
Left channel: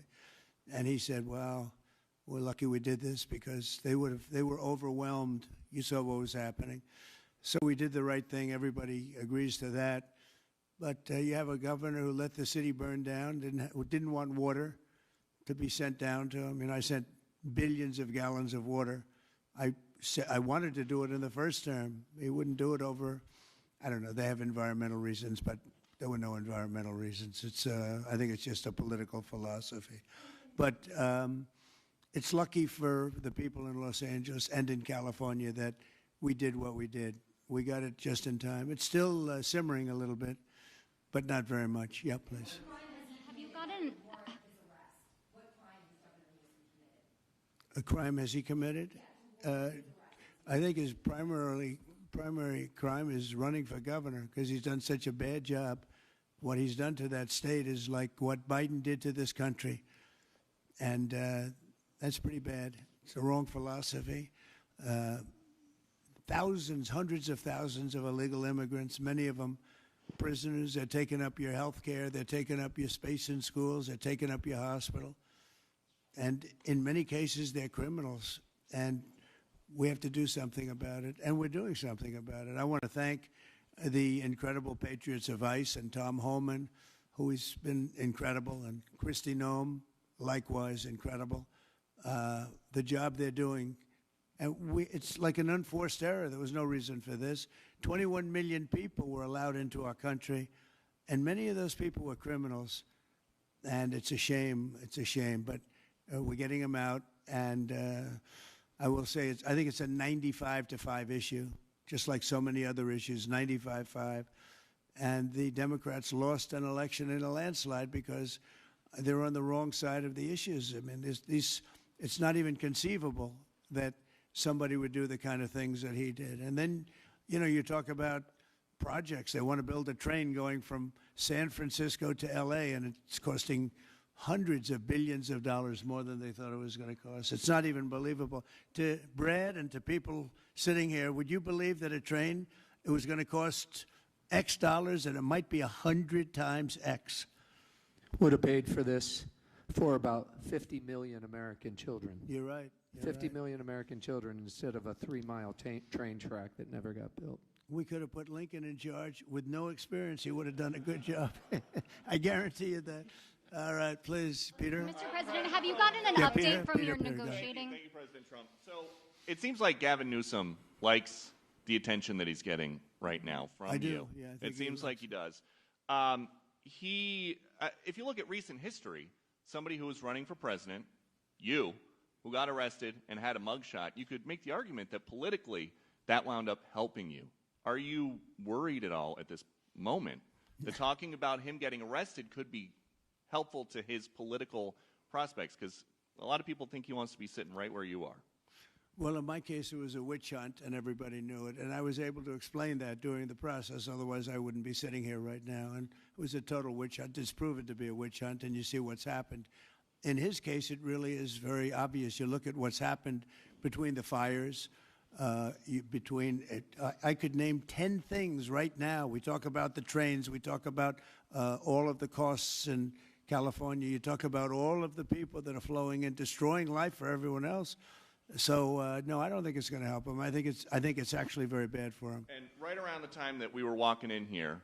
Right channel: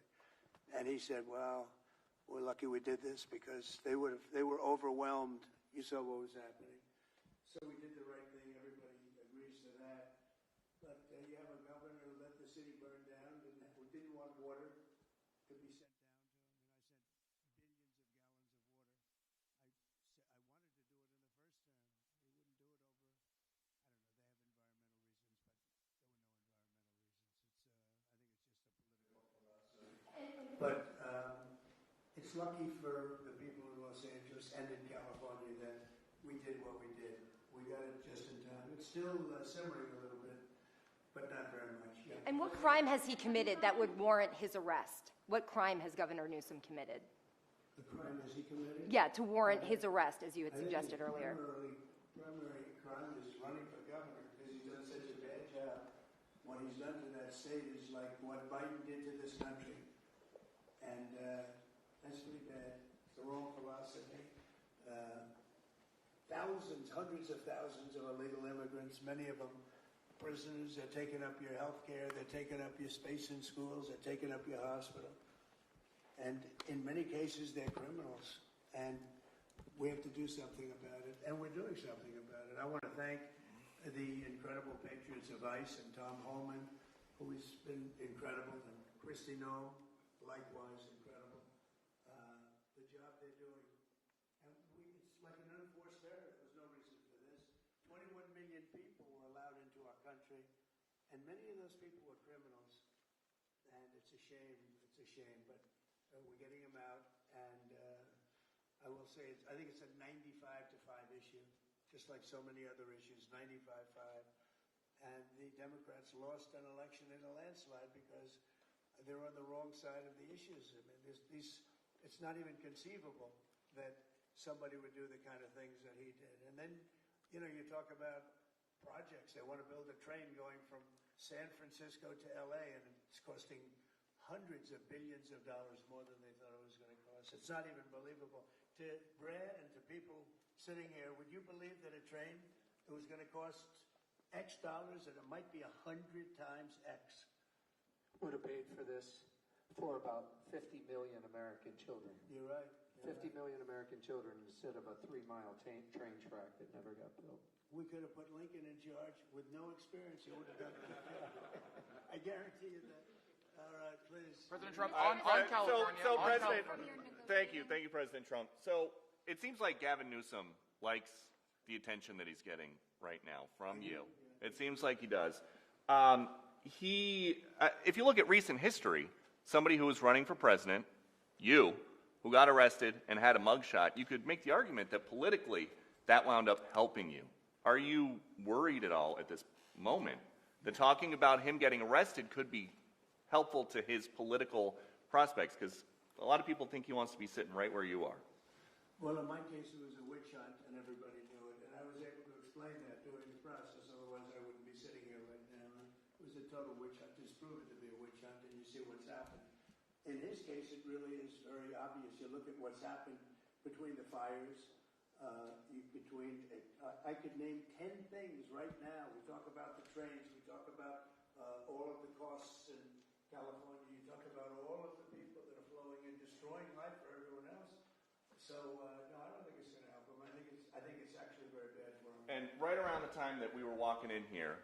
and he said, well, we're lucky we did this because they were overwhelmed. You saw what was happening. So we did the right thing. Everybody agrees to that. But you have a governor who let the city burn down, didn't want water to be sent down to him. I sent billions of gallons of water. I wanted to do it in the first term. He wouldn't do it over. I don't know. They have environmental reasons, but there were no environmental reasons. I think it's just a political philosophy. But it's lucky for the people in Los Angeles and in California that we did what we did. We got it just in time. It's still simmering a little bit, but not very much. Yeah, and please. what crime has he committed that would warrant his arrest? What crime has Governor Newsom committed? A crime has he committed? Yeah, to warrant his arrest, as you had I think his suggested earlier. primary crime is running for governor because he's done such a bad job. What he's done to that state is like what Biden did to this country. And that's pretty bad. It's the wrong philosophy. Thousands, hundreds of thousands of illegal immigrants, many of them prisoners. They're taking up your health care. They're taking up your space in schools. They're taking up your hospital. And in many cases, they're criminals. And we have to do something about it, and we're doing something about it. I want to thank the incredible patriots of ICE and Tom Homan, who has been incredible, and Kristi Noem, likewise incredible. The job they're doing, and it's like an unforced error. There was no reason for this. 21 million people were allowed into our country, and many of those people were criminals. And it's a shame. It's a shame, but we're getting them out, and I will say, I think it's a 95-5 issue, just like so many other issues, 95-5. And the Democrats lost an election in a landslide because they're on the wrong side of the issues. I mean, it's not even conceivable that somebody would do the kind of things that he did. And then, you talk about projects. They want to build a train going from San Francisco to L.A., and it's costing hundreds of billions of dollars more than they thought it was going to cost. It's not even believable. To Brad and to people sitting here, would you believe that a train, it was going to cost X dollars and it might be 100 times X? Would have paid for this for about 50 million American children. You're right. You're 50 right. million American children instead of a 3-mile train track that never got built. We could have put Lincoln in charge with no experience. He would have done a good job. I guarantee you that. All right, please, Peter. Mr. President, have you gotten an Yeah, update Peter, from Peter, your Peter, go ahead. negotiating? Thank you, President Trump. So it seems like Gavin Newsom likes the attention that he's getting right now from I do, you. yeah, I think It he seems does. like he does. If you look at recent history, somebody who was running for president, you, who got arrested and had a mugshot, you could make the argument that politically that wound up helping you. Are you worried at all at this moment that talking about him getting arrested could be helpful to his political prospects? Because a lot of people think he wants to be sitting right where you are. Well, in my case, it was a witch hunt, and everybody knew it. And I was able to explain that during the process. Otherwise, I wouldn't be sitting here right now. And it was a total witch hunt. It's proven to be a witch hunt, and you see what's happened. In his case, it really is very obvious. You look at what's happened between the fires, I could name 10 things right now. We talk about the trains. We talk about all of the costs in California. You talk about all of the people that are flowing in, destroying life for everyone else. So no, I don't think it's going to help him. I think it's actually very bad for him. And right around the time that we were walking in here,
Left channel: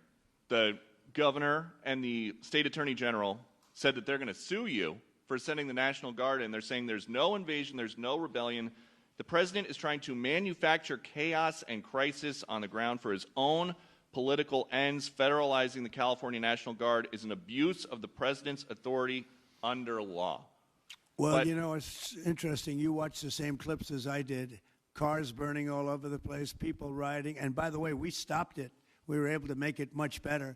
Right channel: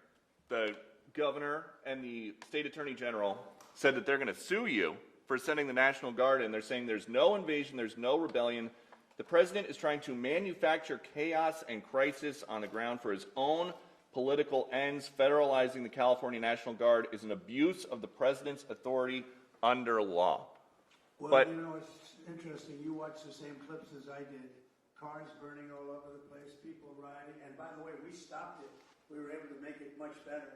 the governor and the state attorney general said that they're going to sue you for sending the National Guard in. They're saying there's no invasion, there's no rebellion. The president is trying to manufacture chaos and crisis on the ground for his own political ends. Federalizing the California National Guard is an abuse of the president's authority under law. Well, But- you know, it's interesting. You watched the same clips as I did. Cars burning all over the place, people rioting. And by the way, we stopped it. We were able to make it much better,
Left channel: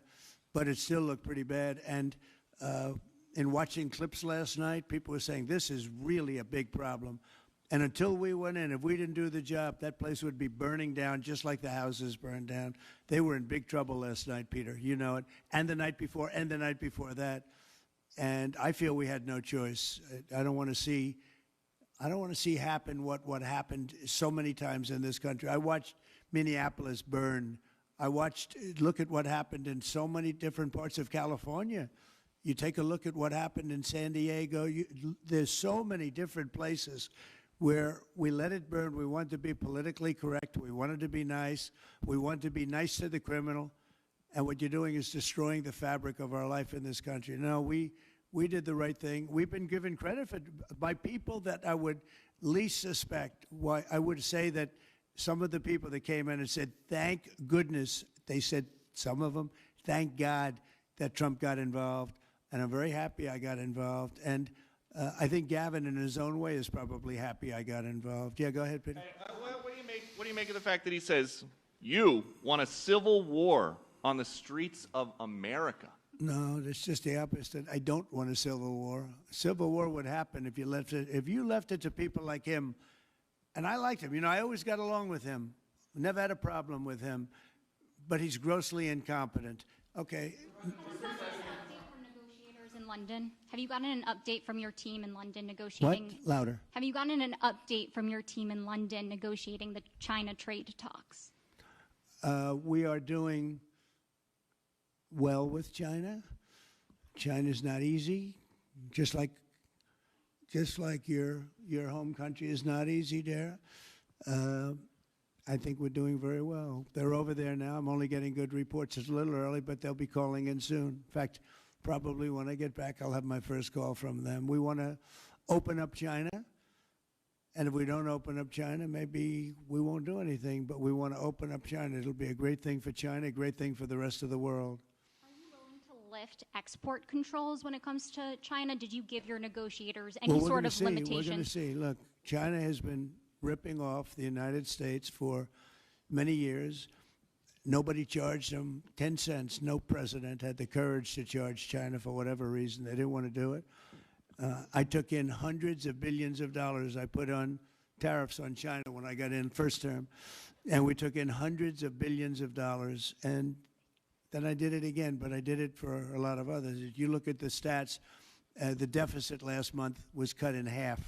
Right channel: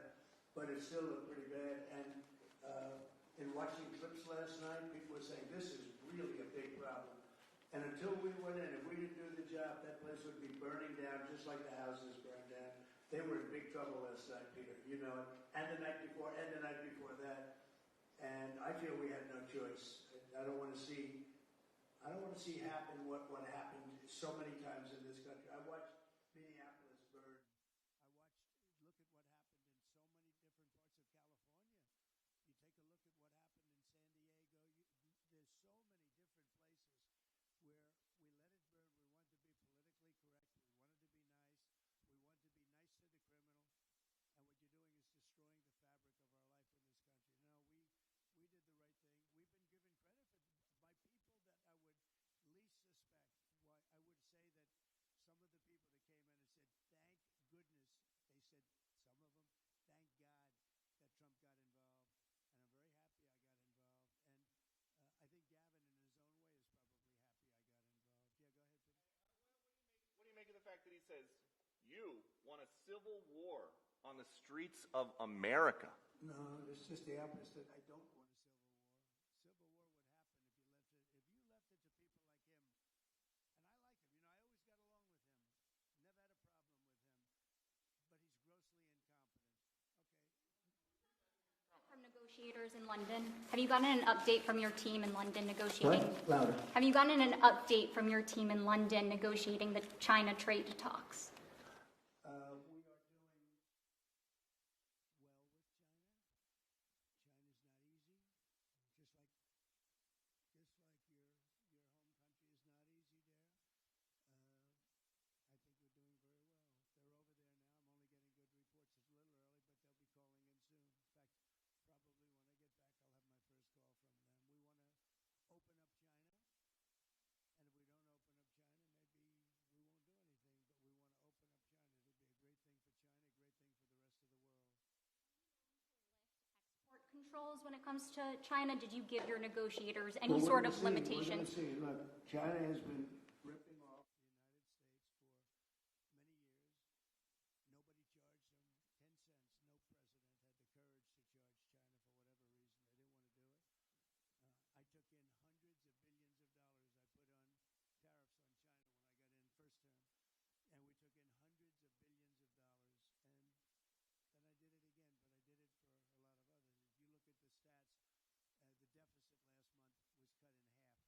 but it still looked pretty bad. And in watching clips last night, people were saying, this is really a big problem. And until we went in, if we didn't do the job, that place would be burning down just like the houses burned down. They were in big trouble last night, Peter. You know it. And the night before, and the night before that. And I feel we had no choice. I don't want to see happen what happened so many times in this country. I watched Minneapolis burn. Look at what happened in so many different parts of California. You take a look at what happened in San Diego. There's so many different places where we let it burn. We want to be politically correct. We wanted to be nice. We want to be nice to the criminal. And what you're doing is destroying the fabric of our life in this country. No, we did the right thing. We've been given credit by people that I would least suspect. Why I would say that some of the people that came in and said, thank goodness, they said, some of them, thank God that Trump got involved. And I'm very happy I got involved. And I think Gavin, in his own way, is probably happy I got involved. Yeah, go ahead, Peter. What do you make of the fact that he says you want a civil war on the streets of America? No, it's just the opposite. I don't want a civil war. Civil war would happen if you left it to people like him. And I liked him. You know, I always got along with him. Never had a problem with him. But he's grossly incompetent. Okay. London? Have you gotten an update from your team in London negotiating? What? Louder. Have you gotten an update from your team in London negotiating the China trade talks? We are doing well with China. China's not easy, just like your home country is not easy there. I think we're doing very well. They're over there now. I'm only getting good reports. It's a little early, but they'll be calling in soon. In fact, probably when I get back, I'll have my first call from them. We want to open up China, and if we don't open up China, maybe we won't do anything, but we want to open up China. It'll be a great thing for China, a great thing for the rest of the world. Are you willing to lift export controls when it comes to China? Did you give your negotiators any sort of limitations? We're going to see. Look, China has been ripping off the United States for many years. Nobody charged them 10 cents. No president had the courage to charge China for whatever reason. They didn't want to do it. I took in hundreds of billions of dollars. I put on tariffs on China when I got in first term. And we took in hundreds of billions of dollars. And then I did it again, but I did it for a lot of others. If you look at the stats, the deficit last month was cut in half.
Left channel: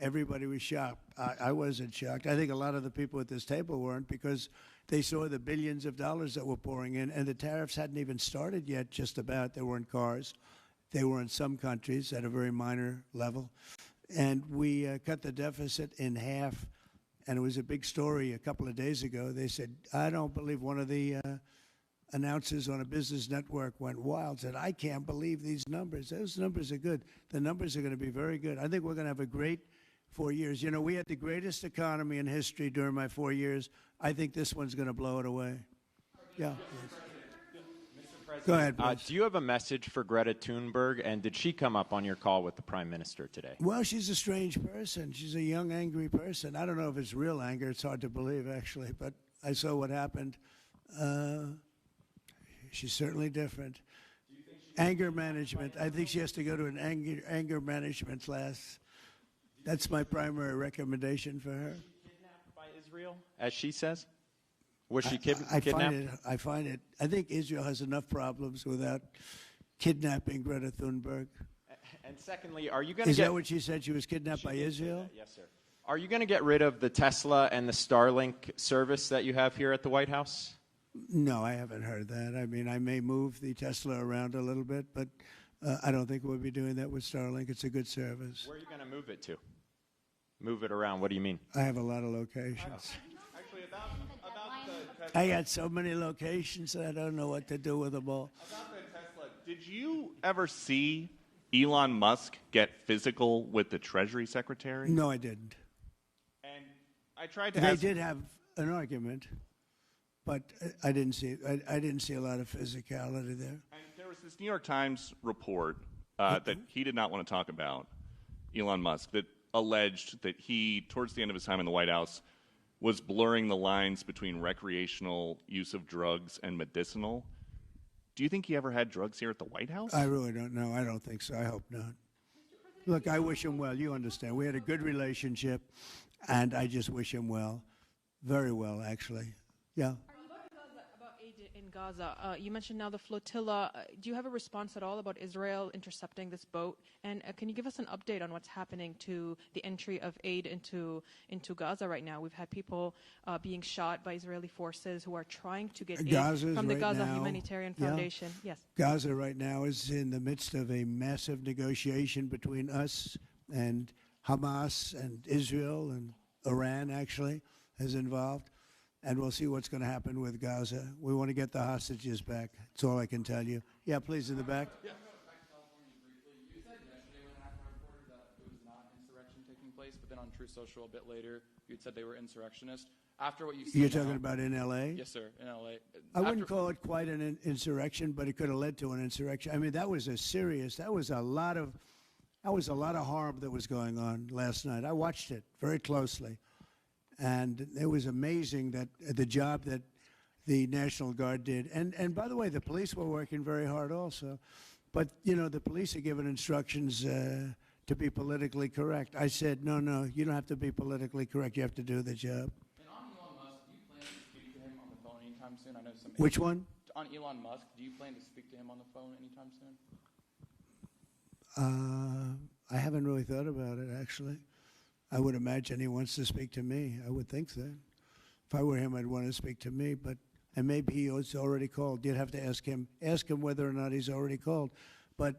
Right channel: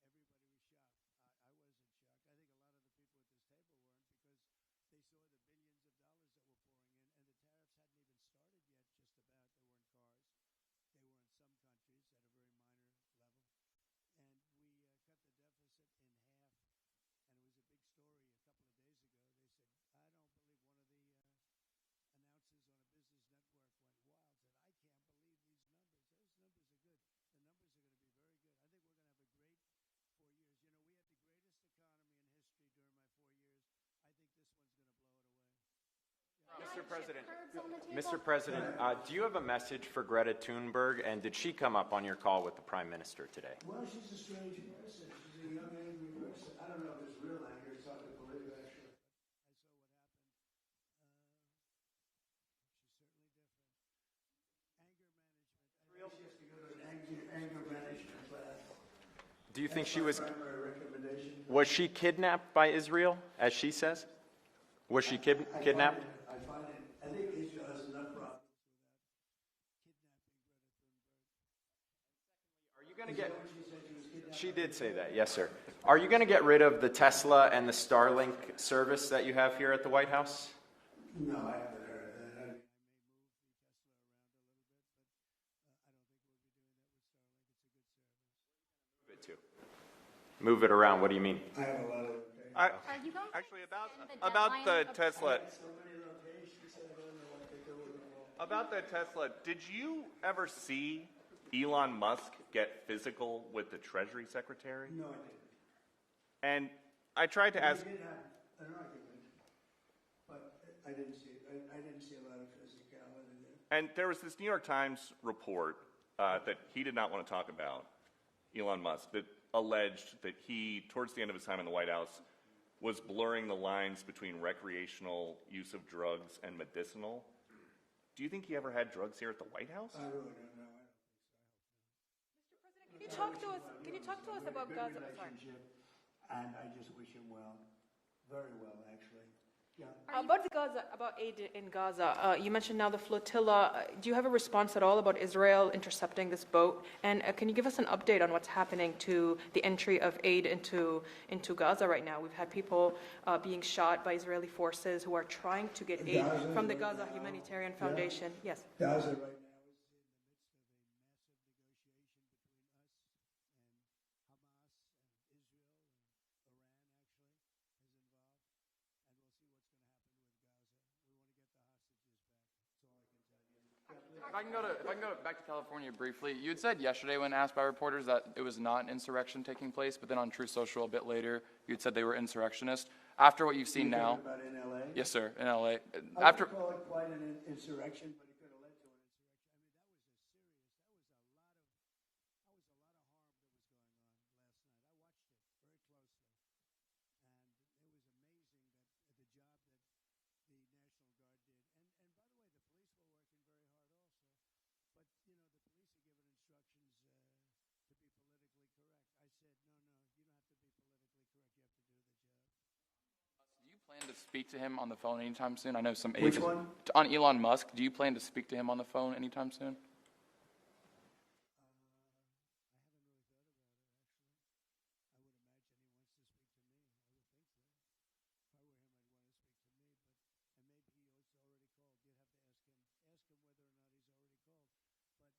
Everybody was shocked. I wasn't shocked. I think a lot of the people at this table weren't, because they saw the billions of dollars that were pouring in, and the tariffs hadn't even started yet, just about. There weren't cars. they were in some countries at a very minor level. And we cut the deficit in half, and it was a big story a couple of days ago. They said, I don't believe, one of the announcers on a business network went wild, said, I can't believe these numbers. Those numbers are good. The numbers are going to be very good. I think we're going to have a great 4 years. You know, we had the greatest economy in history during my 4 years. I think this one's going to blow it away. Yeah. Mr. President, Go ahead, please. do you have a message for Greta Thunberg, and did she come up on your call with the Prime Minister today? Well, she's a strange person. She's a young, angry person. I don't know if it's real anger. It's hard to believe, actually, but I saw what happened. She's certainly different. Anger management. I think she has to go to an anger management class. Do you That's think my she was, primary recommendation for was her. she kidnapped by Israel, as she says? Was she I kidnapped? find it. I think Israel has enough problems without kidnapping Greta Thunberg. And secondly, are you going to Is get... that what she said? She was kidnapped She by did Israel? say that, yes, sir. Are you going to get rid of the Tesla and the Starlink service that you have here at the White House? No, I haven't heard that. I mean, I may move the Tesla around a little bit, but I don't think we'll be doing that with Starlink. It's a good service. Where are you going to move it to? Move it around, what do you mean? I have a lot of locations. Actually, about the Tesla. I got so many locations that I don't know what to do with them all. About the Tesla, did you ever see Elon Musk get physical with the Treasury Secretary? No, I didn't. And I tried to They ask. did have an argument, but I didn't see I didn't see a lot of physicality there. And there was this New York Times report that he did not want to talk about, Elon Musk, that alleged that he, towards the end of his time in the White House, was blurring the lines between recreational use of drugs and medicinal. Do you think he ever had drugs here at the White House? I really don't know. I don't think so. I hope not. Look, I wish him well. You understand. We had a good relationship, and I just wish him well. Very well, actually. Yeah. About aid in Gaza, you mentioned now the flotilla. Do you have a response at all about Israel intercepting this boat? And can you give us an update on what's happening to the entry of aid into Gaza right now? We've had people being shot by Israeli forces who are trying to get aid from the Gaza Humanitarian Foundation. Yes. Gaza right now is in the midst of a massive negotiation between us and Hamas and Israel, and Iran actually is involved. And we'll see what's going to happen with Gaza. We want to get the hostages back. That's all I can tell you. Yeah, please, in the back. I can go back to California briefly. You had said yesterday when asked by reporters that it was not an insurrection taking place, but then on Truth Social a bit later, you'd said they were insurrectionists. After what you've seen You're now... talking about in L.A.? Yes, sir, in L.A. I wouldn't call it quite an insurrection, but it could have led to an insurrection. I mean, that was a lot of harm that was going on last night. I watched it very closely. And it was amazing that the job that the National Guard did. And by the way, the police were working very hard also. But, you know, the police are given instructions to be politically correct. I said, no, you don't have to be politically correct. You have to do the job. And on Elon Musk, do you plan to speak to him on the phone anytime soon? I know some... Which one? On Elon Musk, do you plan to speak to him on the phone anytime soon? I haven't really thought about it, actually. I would imagine he wants to speak to me. I would think that. If I were him, I'd want to speak to me. And maybe he was already called. You'd have to ask him whether or not he's already called. But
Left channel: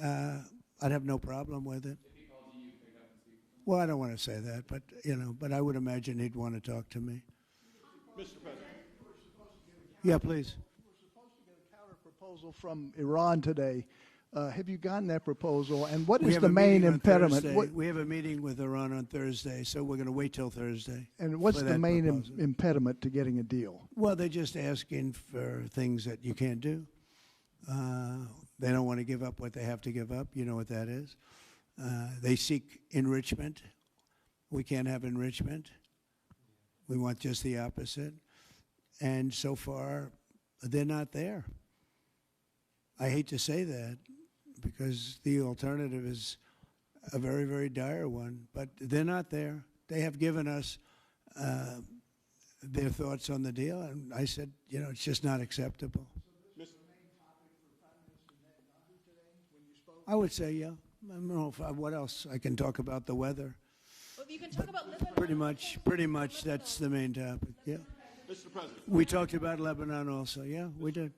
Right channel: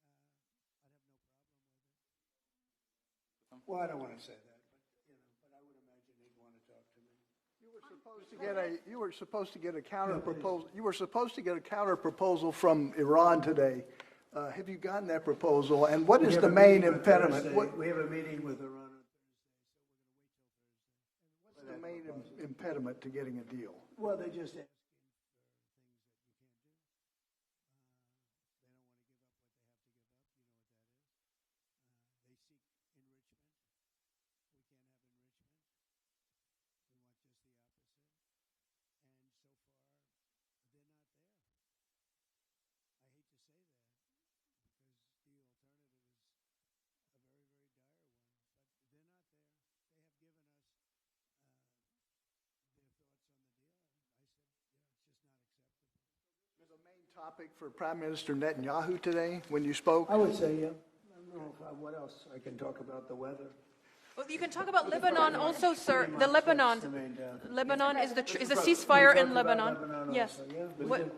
I'd have no problem with it. If he called you, you'd pick up and speak to him? Well, I don't want to say that, but I would imagine he'd want to talk to me. You were supposed to get a Yeah, please. You were supposed to get a counter proposal from Iran today. Have you gotten that proposal? And what is the main impediment? We have a meeting with Iran on Thursday, so we're going to wait till Thursday. And what's the main impediment to getting a deal? Well, they're just asking for things that you can't do. They don't want to give up what they have to give up. You know what that is. They seek enrichment. We can't have enrichment. We want just the opposite. And so far, they're not there. I hate to say that because the alternative is a very, very dire one, but they're not there. They have given us their thoughts on the deal, and I said, it's just not acceptable. The main topic for Prime Minister Netanyahu today when you spoke? I would say, yeah. I don't know what else. I can talk about the weather. Well, you can talk about Lebanon also, sir. Pretty much, The Lebanon. that's the main topic. Lebanon is the We ceasefire talked in about Lebanon. Lebanon Yes. also, yeah. We What- did.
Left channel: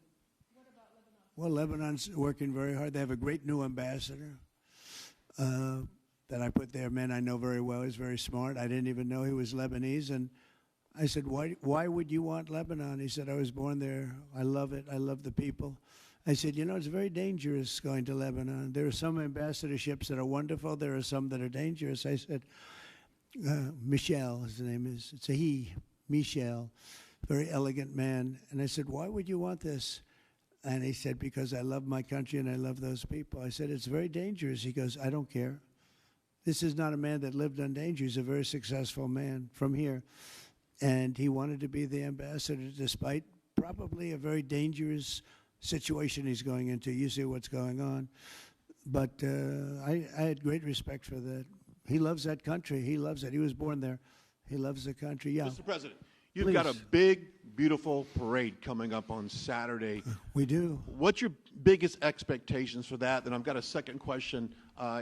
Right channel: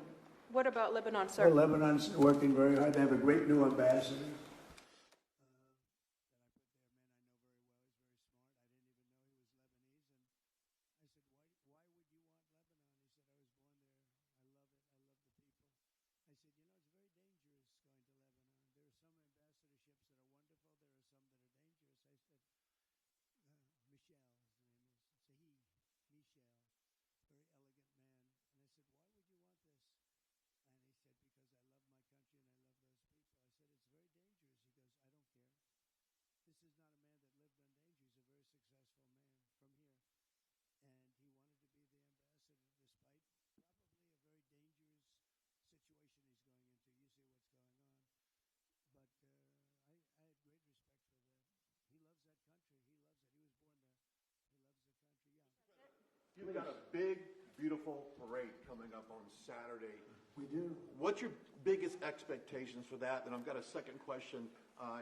What about Lebanon, sir? Well, Lebanon's working very hard. They have a great new ambassador that I put there, a man I know very well. He's very smart. I didn't even know he was Lebanese. And I said, why would you want Lebanon? He said, I was born there. I love it. I love the people. I said, you know, it's very dangerous going to Lebanon. There are some ambassadorships that are wonderful. There are some that are dangerous. I said, Michel, his name is. It's a he, Michel, very elegant man. And I said, why would you want this? And he said, because I love my country and I love those people. I said, it's very dangerous. He goes, I don't care. This is not a man that lived on danger. He's a very successful man from here. And he wanted to be the ambassador despite probably a very dangerous situation he's going into. You see what's going on. But I had great respect for that. He loves that country. He loves it. He was born there. He loves the country. Yeah. Mr. President, you've got a big, beautiful parade coming up on Saturday. We do. What's your biggest expectations for that? And I've got a second question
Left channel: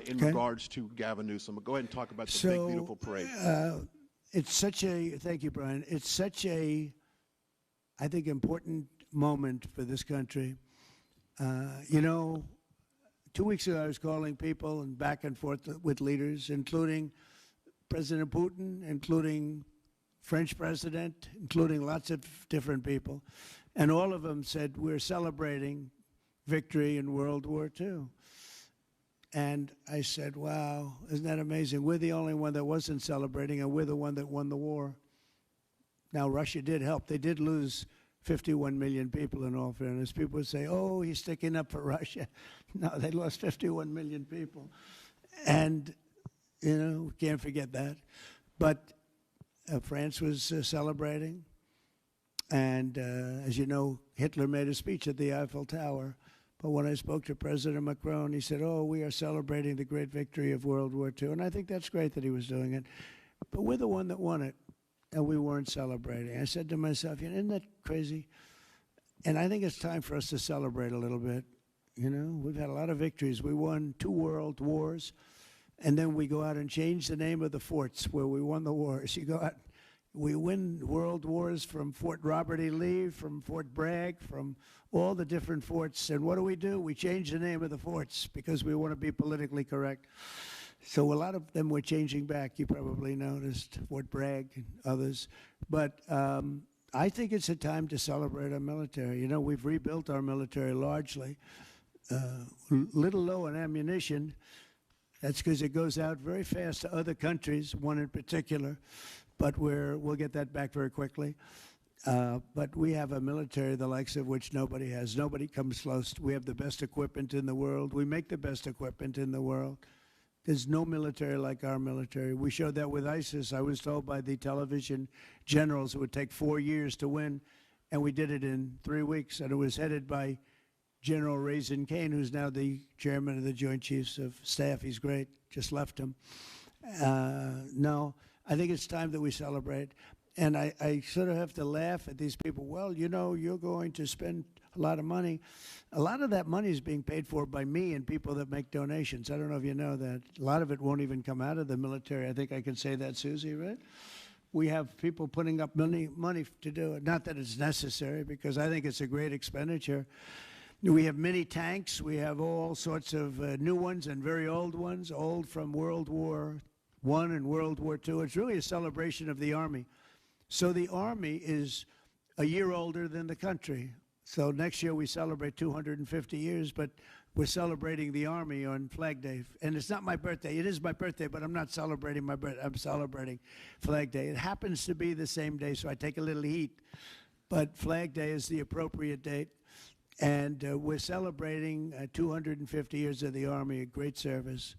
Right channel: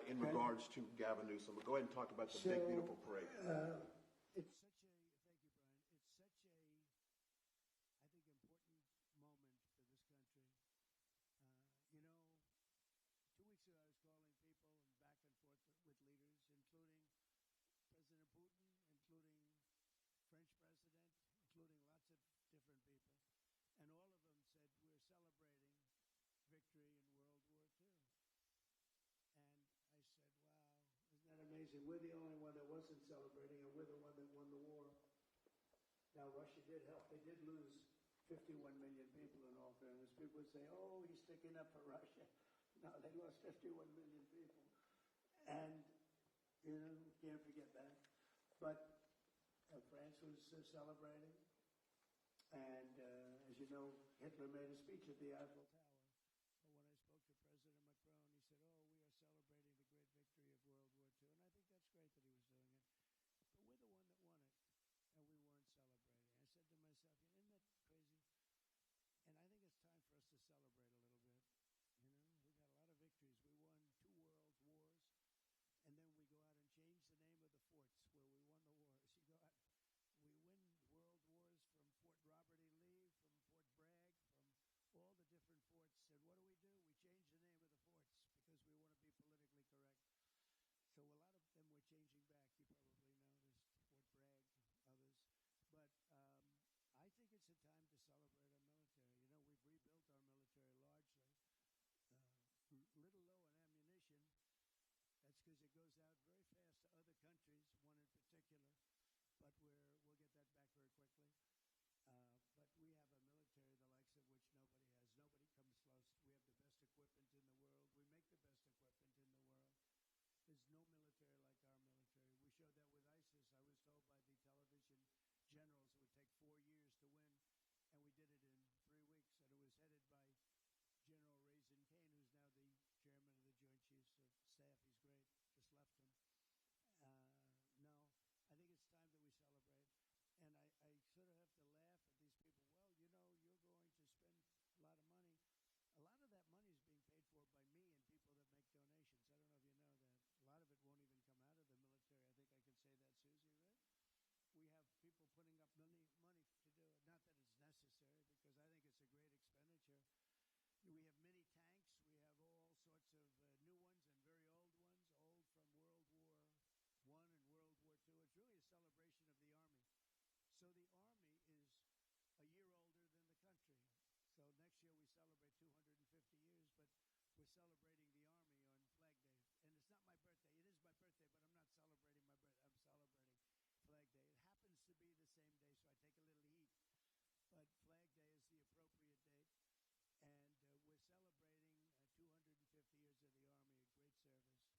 in regards to Gavin Newsom. Go ahead and talk about the big, beautiful parade. It's such a, thank you, Brian. It's such a, I think, important moment for this country. You know, 2 weeks ago, I was calling people and back and forth with leaders, including President Putin, including French president, including lots of different people. And all of them said, we're celebrating victory in World War II. And I said, wow, isn't that amazing? We're the only one that wasn't celebrating, and we're the one that won the war. Now, Russia did help. They did lose 51 million people, in all fairness. People would say, oh, he's sticking up for Russia. No, they lost 51 million people. And, you know, can't forget that. But France was celebrating. And, as you know, Hitler made a speech at the Eiffel Tower. But when I spoke to President Macron, he said, oh, we are celebrating the great victory of World War II. And I think that's great that he was doing it. But we're the one that won it, and we weren't celebrating. I said to myself, you know, isn't that crazy? And I think it's time for us to celebrate a little bit. You know, we've had a lot of victories. We won 2 world wars, and then we go out and change the name of the forts where we won the wars. You go out, we win world wars from Fort Robert E. Lee, from Fort Bragg, from all the different forts. And what do? We change the name of the forts because we want to be politically correct. So a lot of them were changing back. You probably noticed Fort Bragg and others. But I think it's a time to celebrate our military. You know, we've rebuilt our military largely. Little low on ammunition. That's because it goes out very fast to other countries, one in particular. But we'll get that back very quickly. But we have a military the likes of which nobody has. Nobody comes close. We have the best equipment in the world. We make the best equipment in the world. There's no military like our military. We showed that with ISIS. I was told by the television generals it would take 4 years to win, and we did it in 3 weeks. And it was headed by General Raisin Kane, who's now the chairman of the Joint Chiefs of Staff. He's great. Just left him. No, I think it's time that we celebrate. And I sort of have to laugh at these people. Well, you know, you're going to spend a lot of money. A lot of that money is being paid for by me and people that make donations. I don't know if you know that. A lot of it won't even come out of the military. I think I can say that, Susie, right? We have people putting up money to do it. Not that it's necessary, because I think it's a great expenditure. We have many tanks. We have all sorts of new ones and very old ones, old from World War I and World War II. It's really a celebration of the Army. So the Army is a year older than the country. So next year we celebrate 250 years, but we're celebrating the Army on Flag Day. And it's not my birthday. It is my birthday, but I'm not celebrating my birthday. I'm celebrating Flag Day. It happens to be the same day, so I take a little heat. But Flag Day is the appropriate date. And we're celebrating 250 years of the Army, a great service.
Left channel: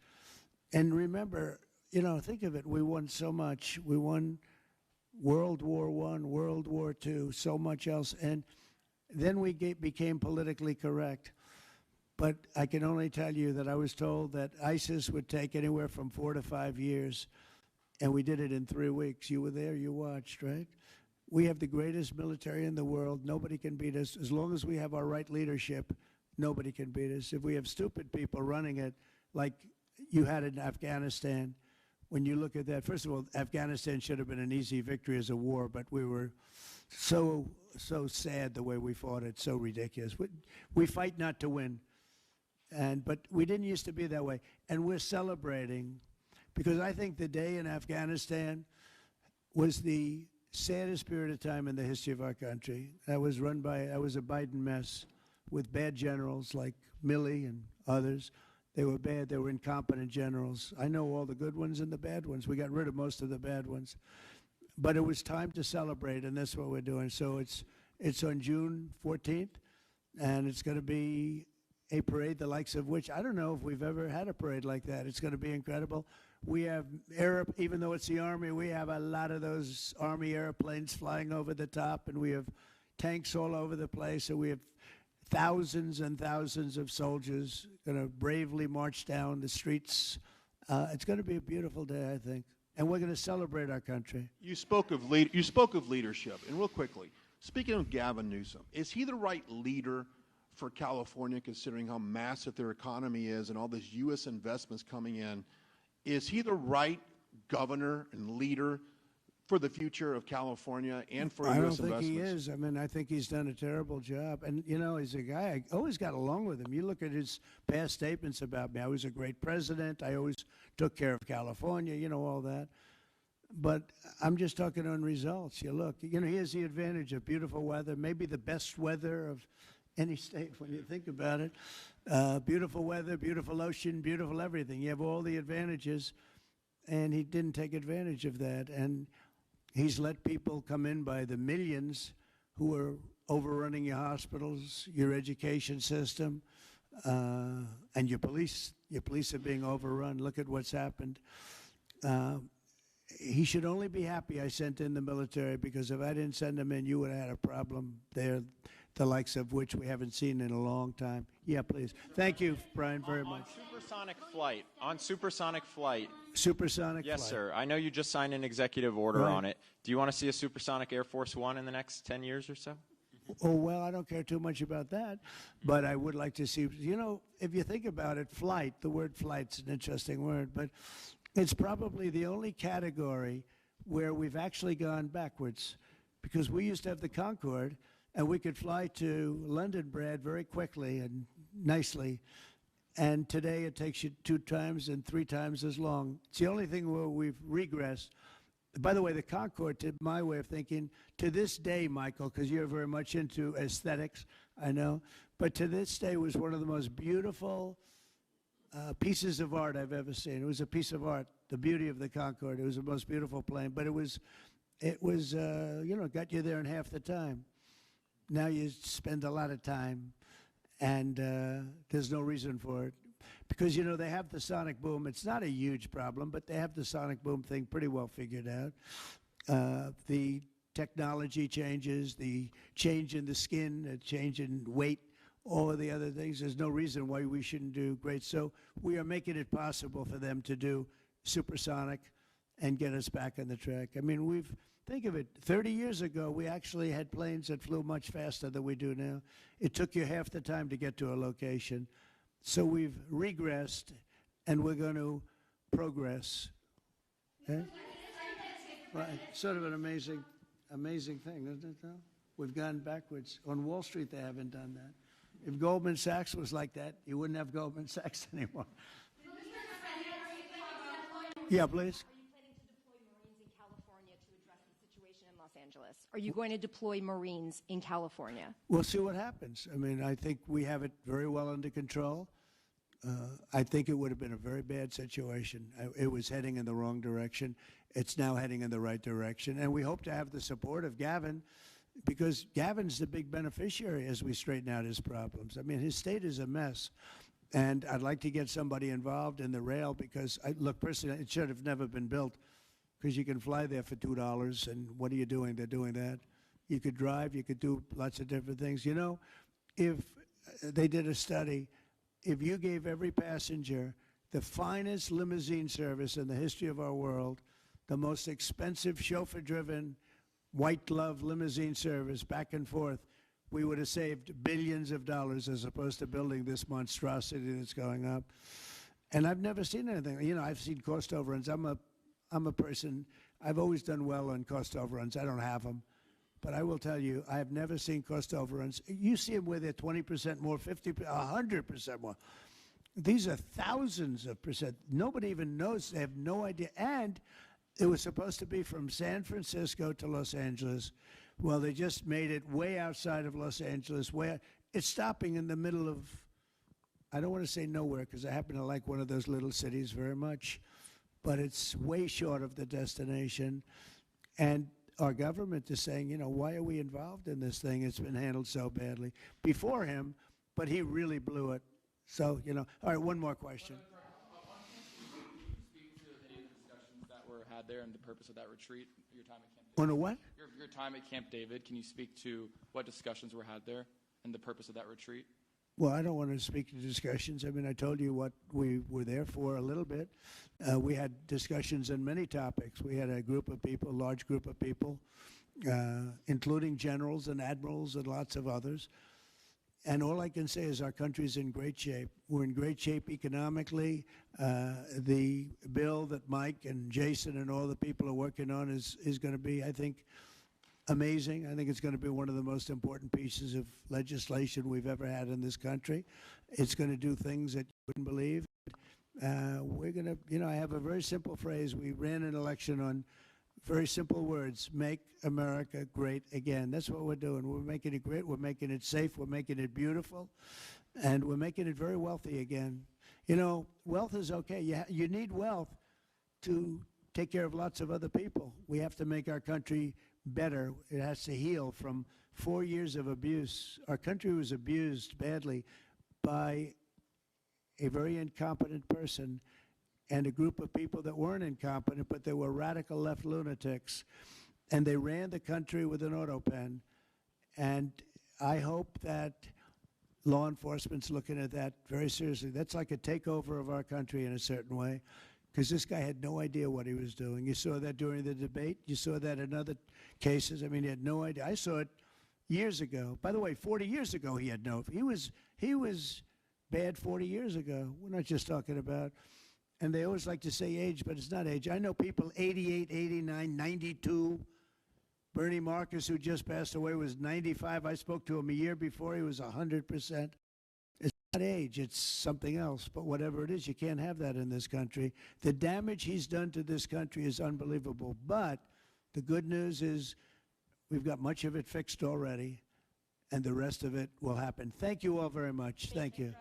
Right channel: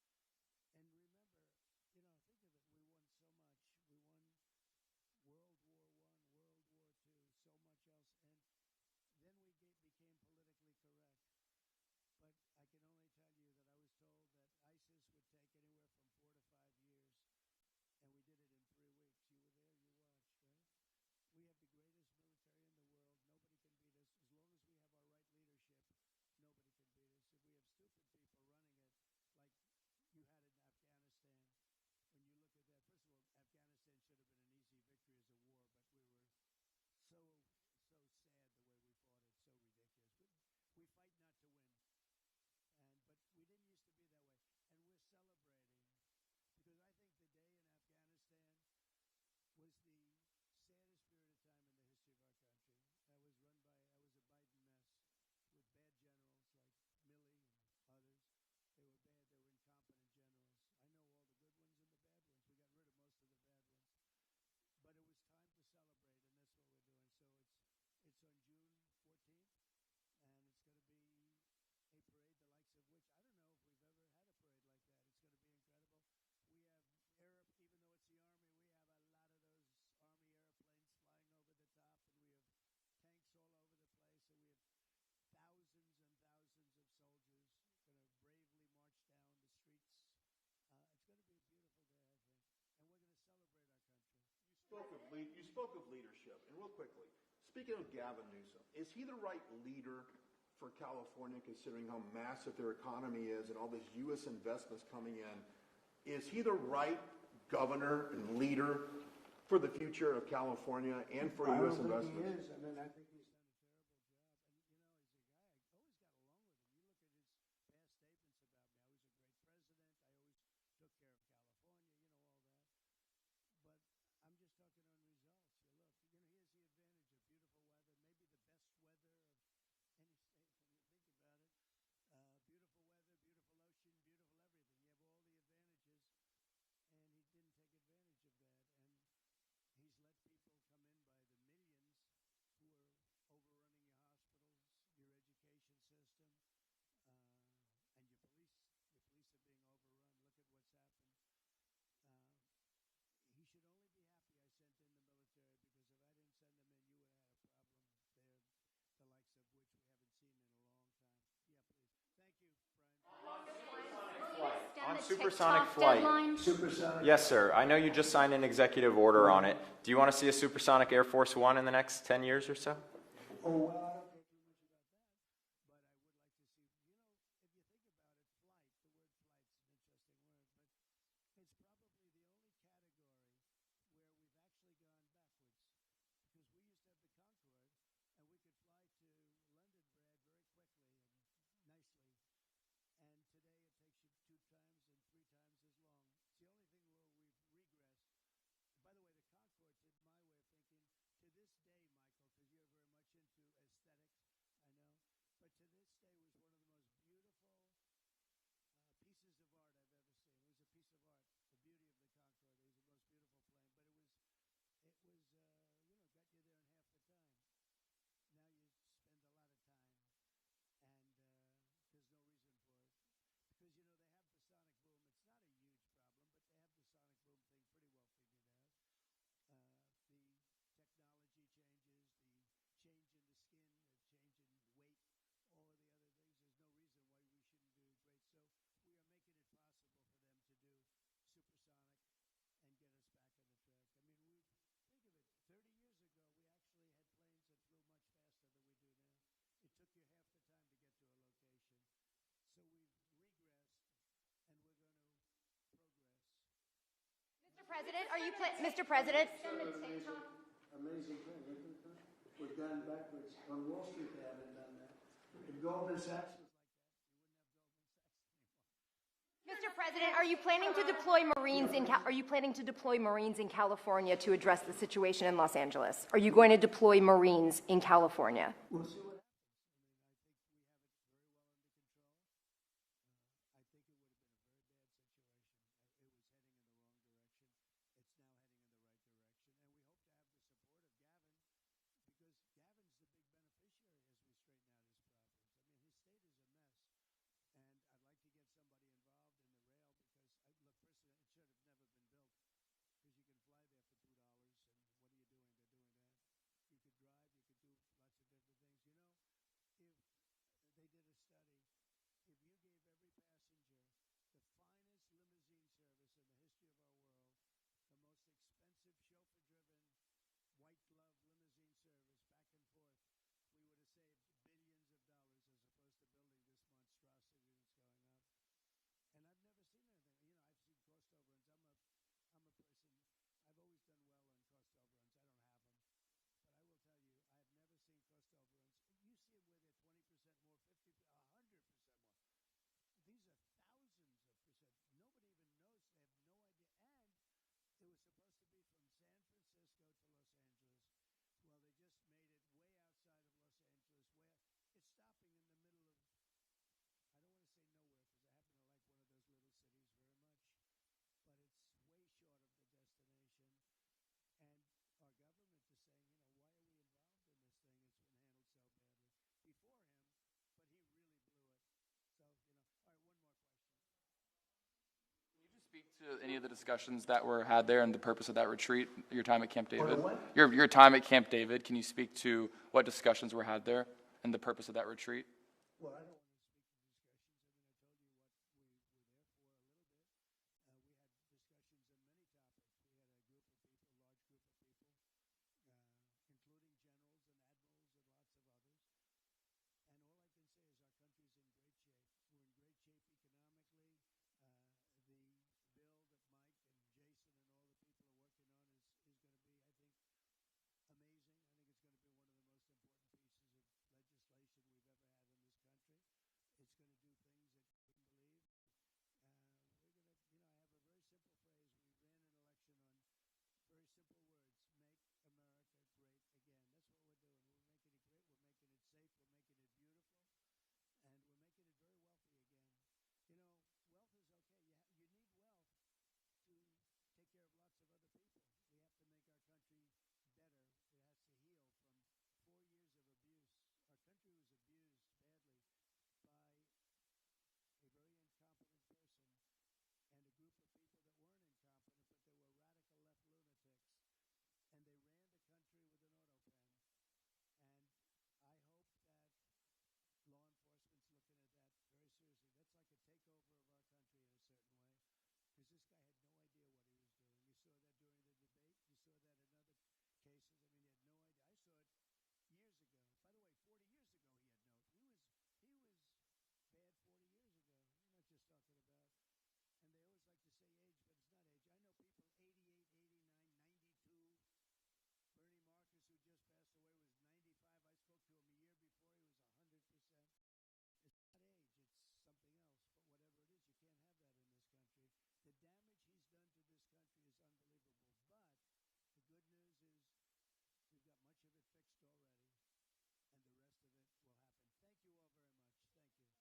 And remember, you know, think of it. We won so much. We won World War I, World War II, so much else. And then we became politically correct. But I can only tell you that I was told that ISIS would take anywhere from 4 to 5 years, and we did it in 3 weeks. You were there, you watched, right? We have the greatest military in the world. Nobody can beat us. As long as we have our right leadership, nobody can beat us. If we have stupid people running it, like you had in Afghanistan, when you look at that, first of all, Afghanistan should have been an easy victory as a war, but we were so sad the way we fought it, so ridiculous. We fight not to win, but we didn't used to be that way. And we're celebrating, because I think the day in Afghanistan was the saddest period of time in the history of our country. That was a Biden mess with bad generals like Milley and others. They were bad. They were incompetent generals. I know all the good ones and the bad ones. We got rid of most of the bad ones. But it was time to celebrate, and that's what we're doing. So it's on June 14th, and it's going to be a parade the likes of which I don't know if we've ever had a parade like that. It's going to be incredible. We have even though it's the Army, we have a lot of those Army airplanes flying over the top, and we have tanks all over the place, and we have thousands and thousands of soldiers going to bravely march down the streets. It's going to be a beautiful day, I think, and we're going to celebrate our country. You spoke of leadership, and real quickly, speaking of Gavin Newsom, is he the right leader for California, considering how massive their economy is and all these U.S. investments coming in? Is he the right governor and leader for the future of California and for U.S. investments? I don't think he is. I mean, I think he's done a terrible job. And, you know, he's a guy, I always got along with him. You look at his past statements about me. I was a great president. I always took care of California, you know, all that. But I'm just talking on results. You look, you know, he has the advantage of beautiful weather, maybe the best weather of any state when you think about it. Beautiful weather, beautiful ocean, beautiful everything. You have all the advantages, and he didn't take advantage of that. And he's let people come in by the millions who are overrunning your hospitals, your education system, and your police. Your police are being overrun. Look at what's happened. He should only be happy I sent in the military, because if I didn't send them in, you would have had a problem there, the likes of which we haven't seen in a long time. Yeah, please. Thank you, Brian, very much. On supersonic flight. Supersonic? Yes, sir. I know you just signed an executive order on it. Do you want to see a supersonic Air Force One in the next 10 years or so? Oh, well, I don't care too much about that, but I would like to see, you know, if you think about it, flight, the word flight's an interesting word, but it's probably the only category where we've actually gone backwards, because we used to have the Concorde, and we could fly to London, Brad, very quickly and nicely. And today it takes you 2 times and 3 times as long. It's the only thing where we've regressed. By the way, the Concorde, to my way of thinking, to this day, Michael, because you're very much into aesthetics, I know, but to this day was one of the most beautiful pieces of art I've ever seen. It was a piece of art, the beauty of the Concorde. It was the most beautiful plane, but it was you know, got you there in half the time. Now you spend a lot of time, and there's no reason for it. Because, you know, they have the sonic boom. It's not a huge problem, but they have the sonic boom thing pretty well figured out. The technology changes, the change in the skin, the change in weight, all of the other things. There's no reason why we shouldn't do great. So we are making it possible for them to do supersonic and get us back on the track. I mean, think of it, 30 years ago, we actually had planes that flew much faster than we do now. It took you half the time to get to a location. So we've regressed, and we're going to progress. Okay? Mr. President, Sort of an amazing thing, isn't it, though? We've gone backwards. On Wall Street, they haven't done that. If Goldman Sachs was like that, you wouldn't have Goldman Sachs anymore. Mr. President, are you planning to deploy Marines? Are you planning to deploy Marines in California to address the situation in Los Angeles? Are you going to deploy Marines in California? We'll see what happens. I mean, I think we have it very well under control. I think it would have been a very bad situation. It was heading in the wrong direction. It's now heading in the right direction. And we hope to have the support of Gavin, because Gavin's the big beneficiary as we straighten out his problems. I mean, his state is a mess. And I'd like to get somebody involved in the rail, because, look, personally, it should have never been built, because you can fly there for $2, and what are you doing? They're doing that. You could drive. You could do lots of different things. You know, if they did a study, if you gave every passenger the finest limousine service in the history of our world, the most expensive chauffeur-driven, white-glove limousine service back and forth, we would have saved billions of dollars as opposed to building this monstrosity that's going up. And I've never seen anything. You know, I've seen cost overruns. I'm a person, I've always done well on cost overruns. I don't have them. but I will tell you, I have never seen cost overruns. You see them where they're 20% more, 50%, 100% more. These are thousands of percent. Nobody even knows. They have no idea. And it was supposed to be from San Francisco to Los Angeles. Well, they just made it way outside of Los Angeles. It's stopping in the middle of, I don't want to say nowhere because I happen to like one of those little cities very much, but it's way short of the destination. And our government is saying, why are we involved in this thing? It's been handled so badly. Before him, but he really blew it. So, all right, one more question. Speak to any of the discussions that were had there and the purpose of that retreat, your time at Camp David? What? Your time at Camp David, can you speak to what discussions were had there and the purpose of that retreat? Well, I don't want to speak to discussions. I mean, I told you what we were there for a little bit. We had discussions on many topics. We had a group of people, a large group of people, including generals and admirals and lots of others. And all I can say is our country's in great shape. We're in great shape economically. The bill that Mike and Jason and all the people are working on is going to be, I think, amazing. I think it's going to be one of the most important pieces of legislation we've ever had in this country. It's going to do things that you wouldn't believe. We're going to, I have a very simple phrase. We ran an election on very simple words: make America great again. That's what we're doing. We're making it great. We're making it safe. We're making it beautiful. And we're making it very wealthy again. Wealth is okay. You need wealth to take care of lots of other people. We have to make our country better. It has to heal from 4 years of abuse. Our country was abused badly by a very incompetent person and a group of people that weren't incompetent, but they were radical left lunatics. And they ran the country with an auto pen. And I hope that law enforcement's looking at that very seriously. That's like a takeover of our country in a certain way, because this guy had no idea what he was doing. You saw that during the debate. You saw that in other cases. I mean, he had no idea. I saw it years ago. By the way, 40 years ago, he had no. He was bad 40 years ago. We're not just talking about. And they always like to say age, but it's not age. I know people 88, 89, 92. Bernie Marcus, who just passed away, was 95. I spoke to him a year before. He was 100%. It's not age. It's something else. But whatever it is, you can't have that in this country. The damage he's done to this country is unbelievable. But the good news is we've got much of it fixed already, and the rest of it will happen. Thank you all very much. Thank you.